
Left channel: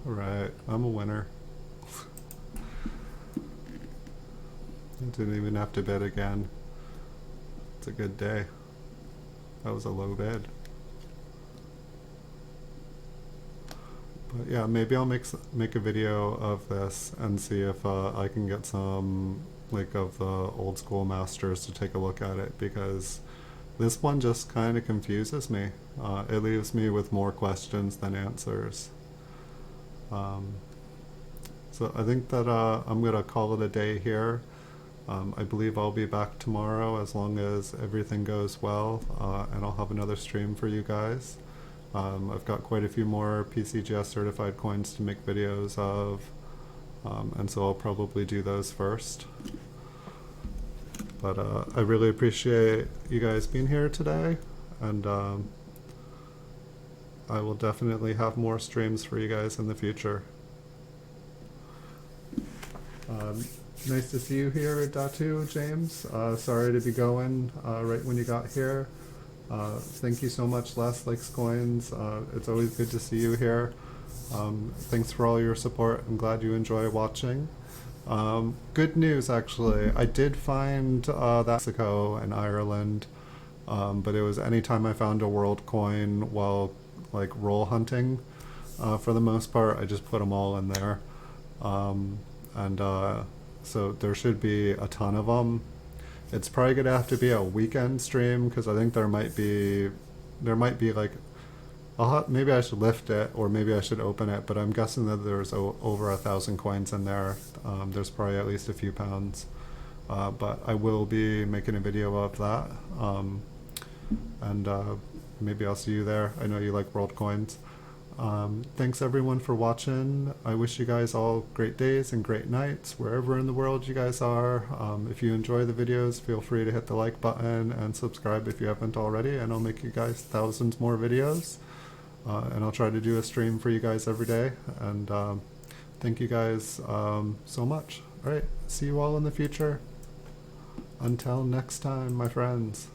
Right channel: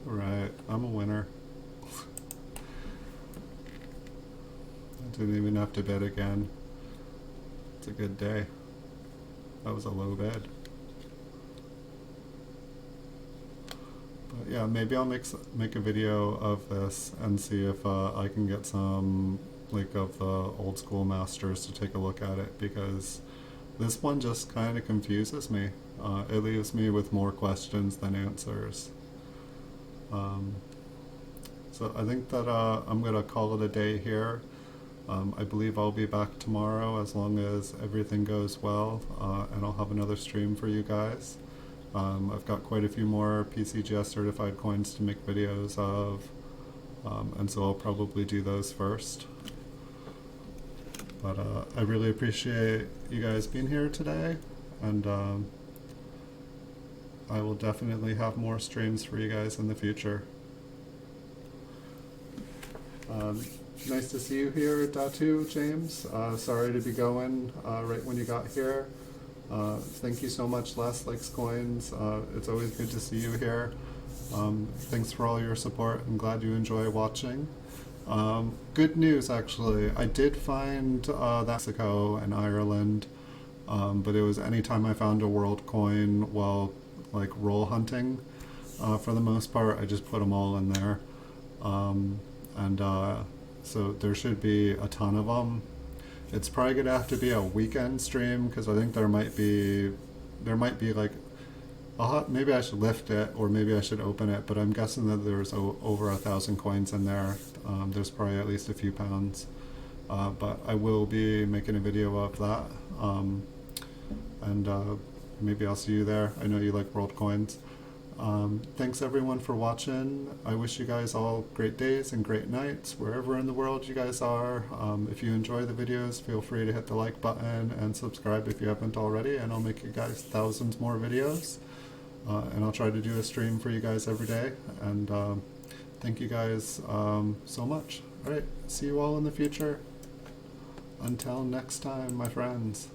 Right, I'm a winner. I didn't even have to bid again. It's a good day. That was a low bid. Yeah, maybe I'll make a video of this and see if I can get some like of the old school masters to take a look at it, because this one just kind of confuses me. It leaves me with more questions than answers. Um, so I think that I'm gonna call it a day here. I believe I'll be back tomorrow as long as everything goes well, and I'll have another stream for you guys. I've got quite a few more PCGS certified coins to make videos of, and so I'll probably do those first. But I really appreciate you guys being here today, and I will definitely have more streams for you guys in the future. Nice to see you here, Datu, James. Sorry to be going right when you got here. Thank you so much, Last Likes Coins. It's always good to see you here. Thanks for all your support. I'm glad you enjoy watching. Good news, actually. I did find that Mexico and Ireland, but it was anytime I found a world coin while like roll hunting. For the most part, I just put them all in there. And so there should be a ton of them. It's probably gonna have to be a weekend stream, because I think there might be like, maybe I should lift it, or maybe I should open it, but I'm guessing that there's over 1,000 coins in there. There's probably at least a few pounds, but I will be making a video of that, and maybe I'll see you there. I know you like world coins. Thanks everyone for watching. I wish you guys all great days and great nights wherever in the world you guys are. If you enjoy the videos, feel free to hit the like button and subscribe if you haven't already, and I'll make you guys thousands more videos. And I'll try to do a stream for you guys every day. And thank you guys so much. Alright, see you all in the future. Until next time, my friends.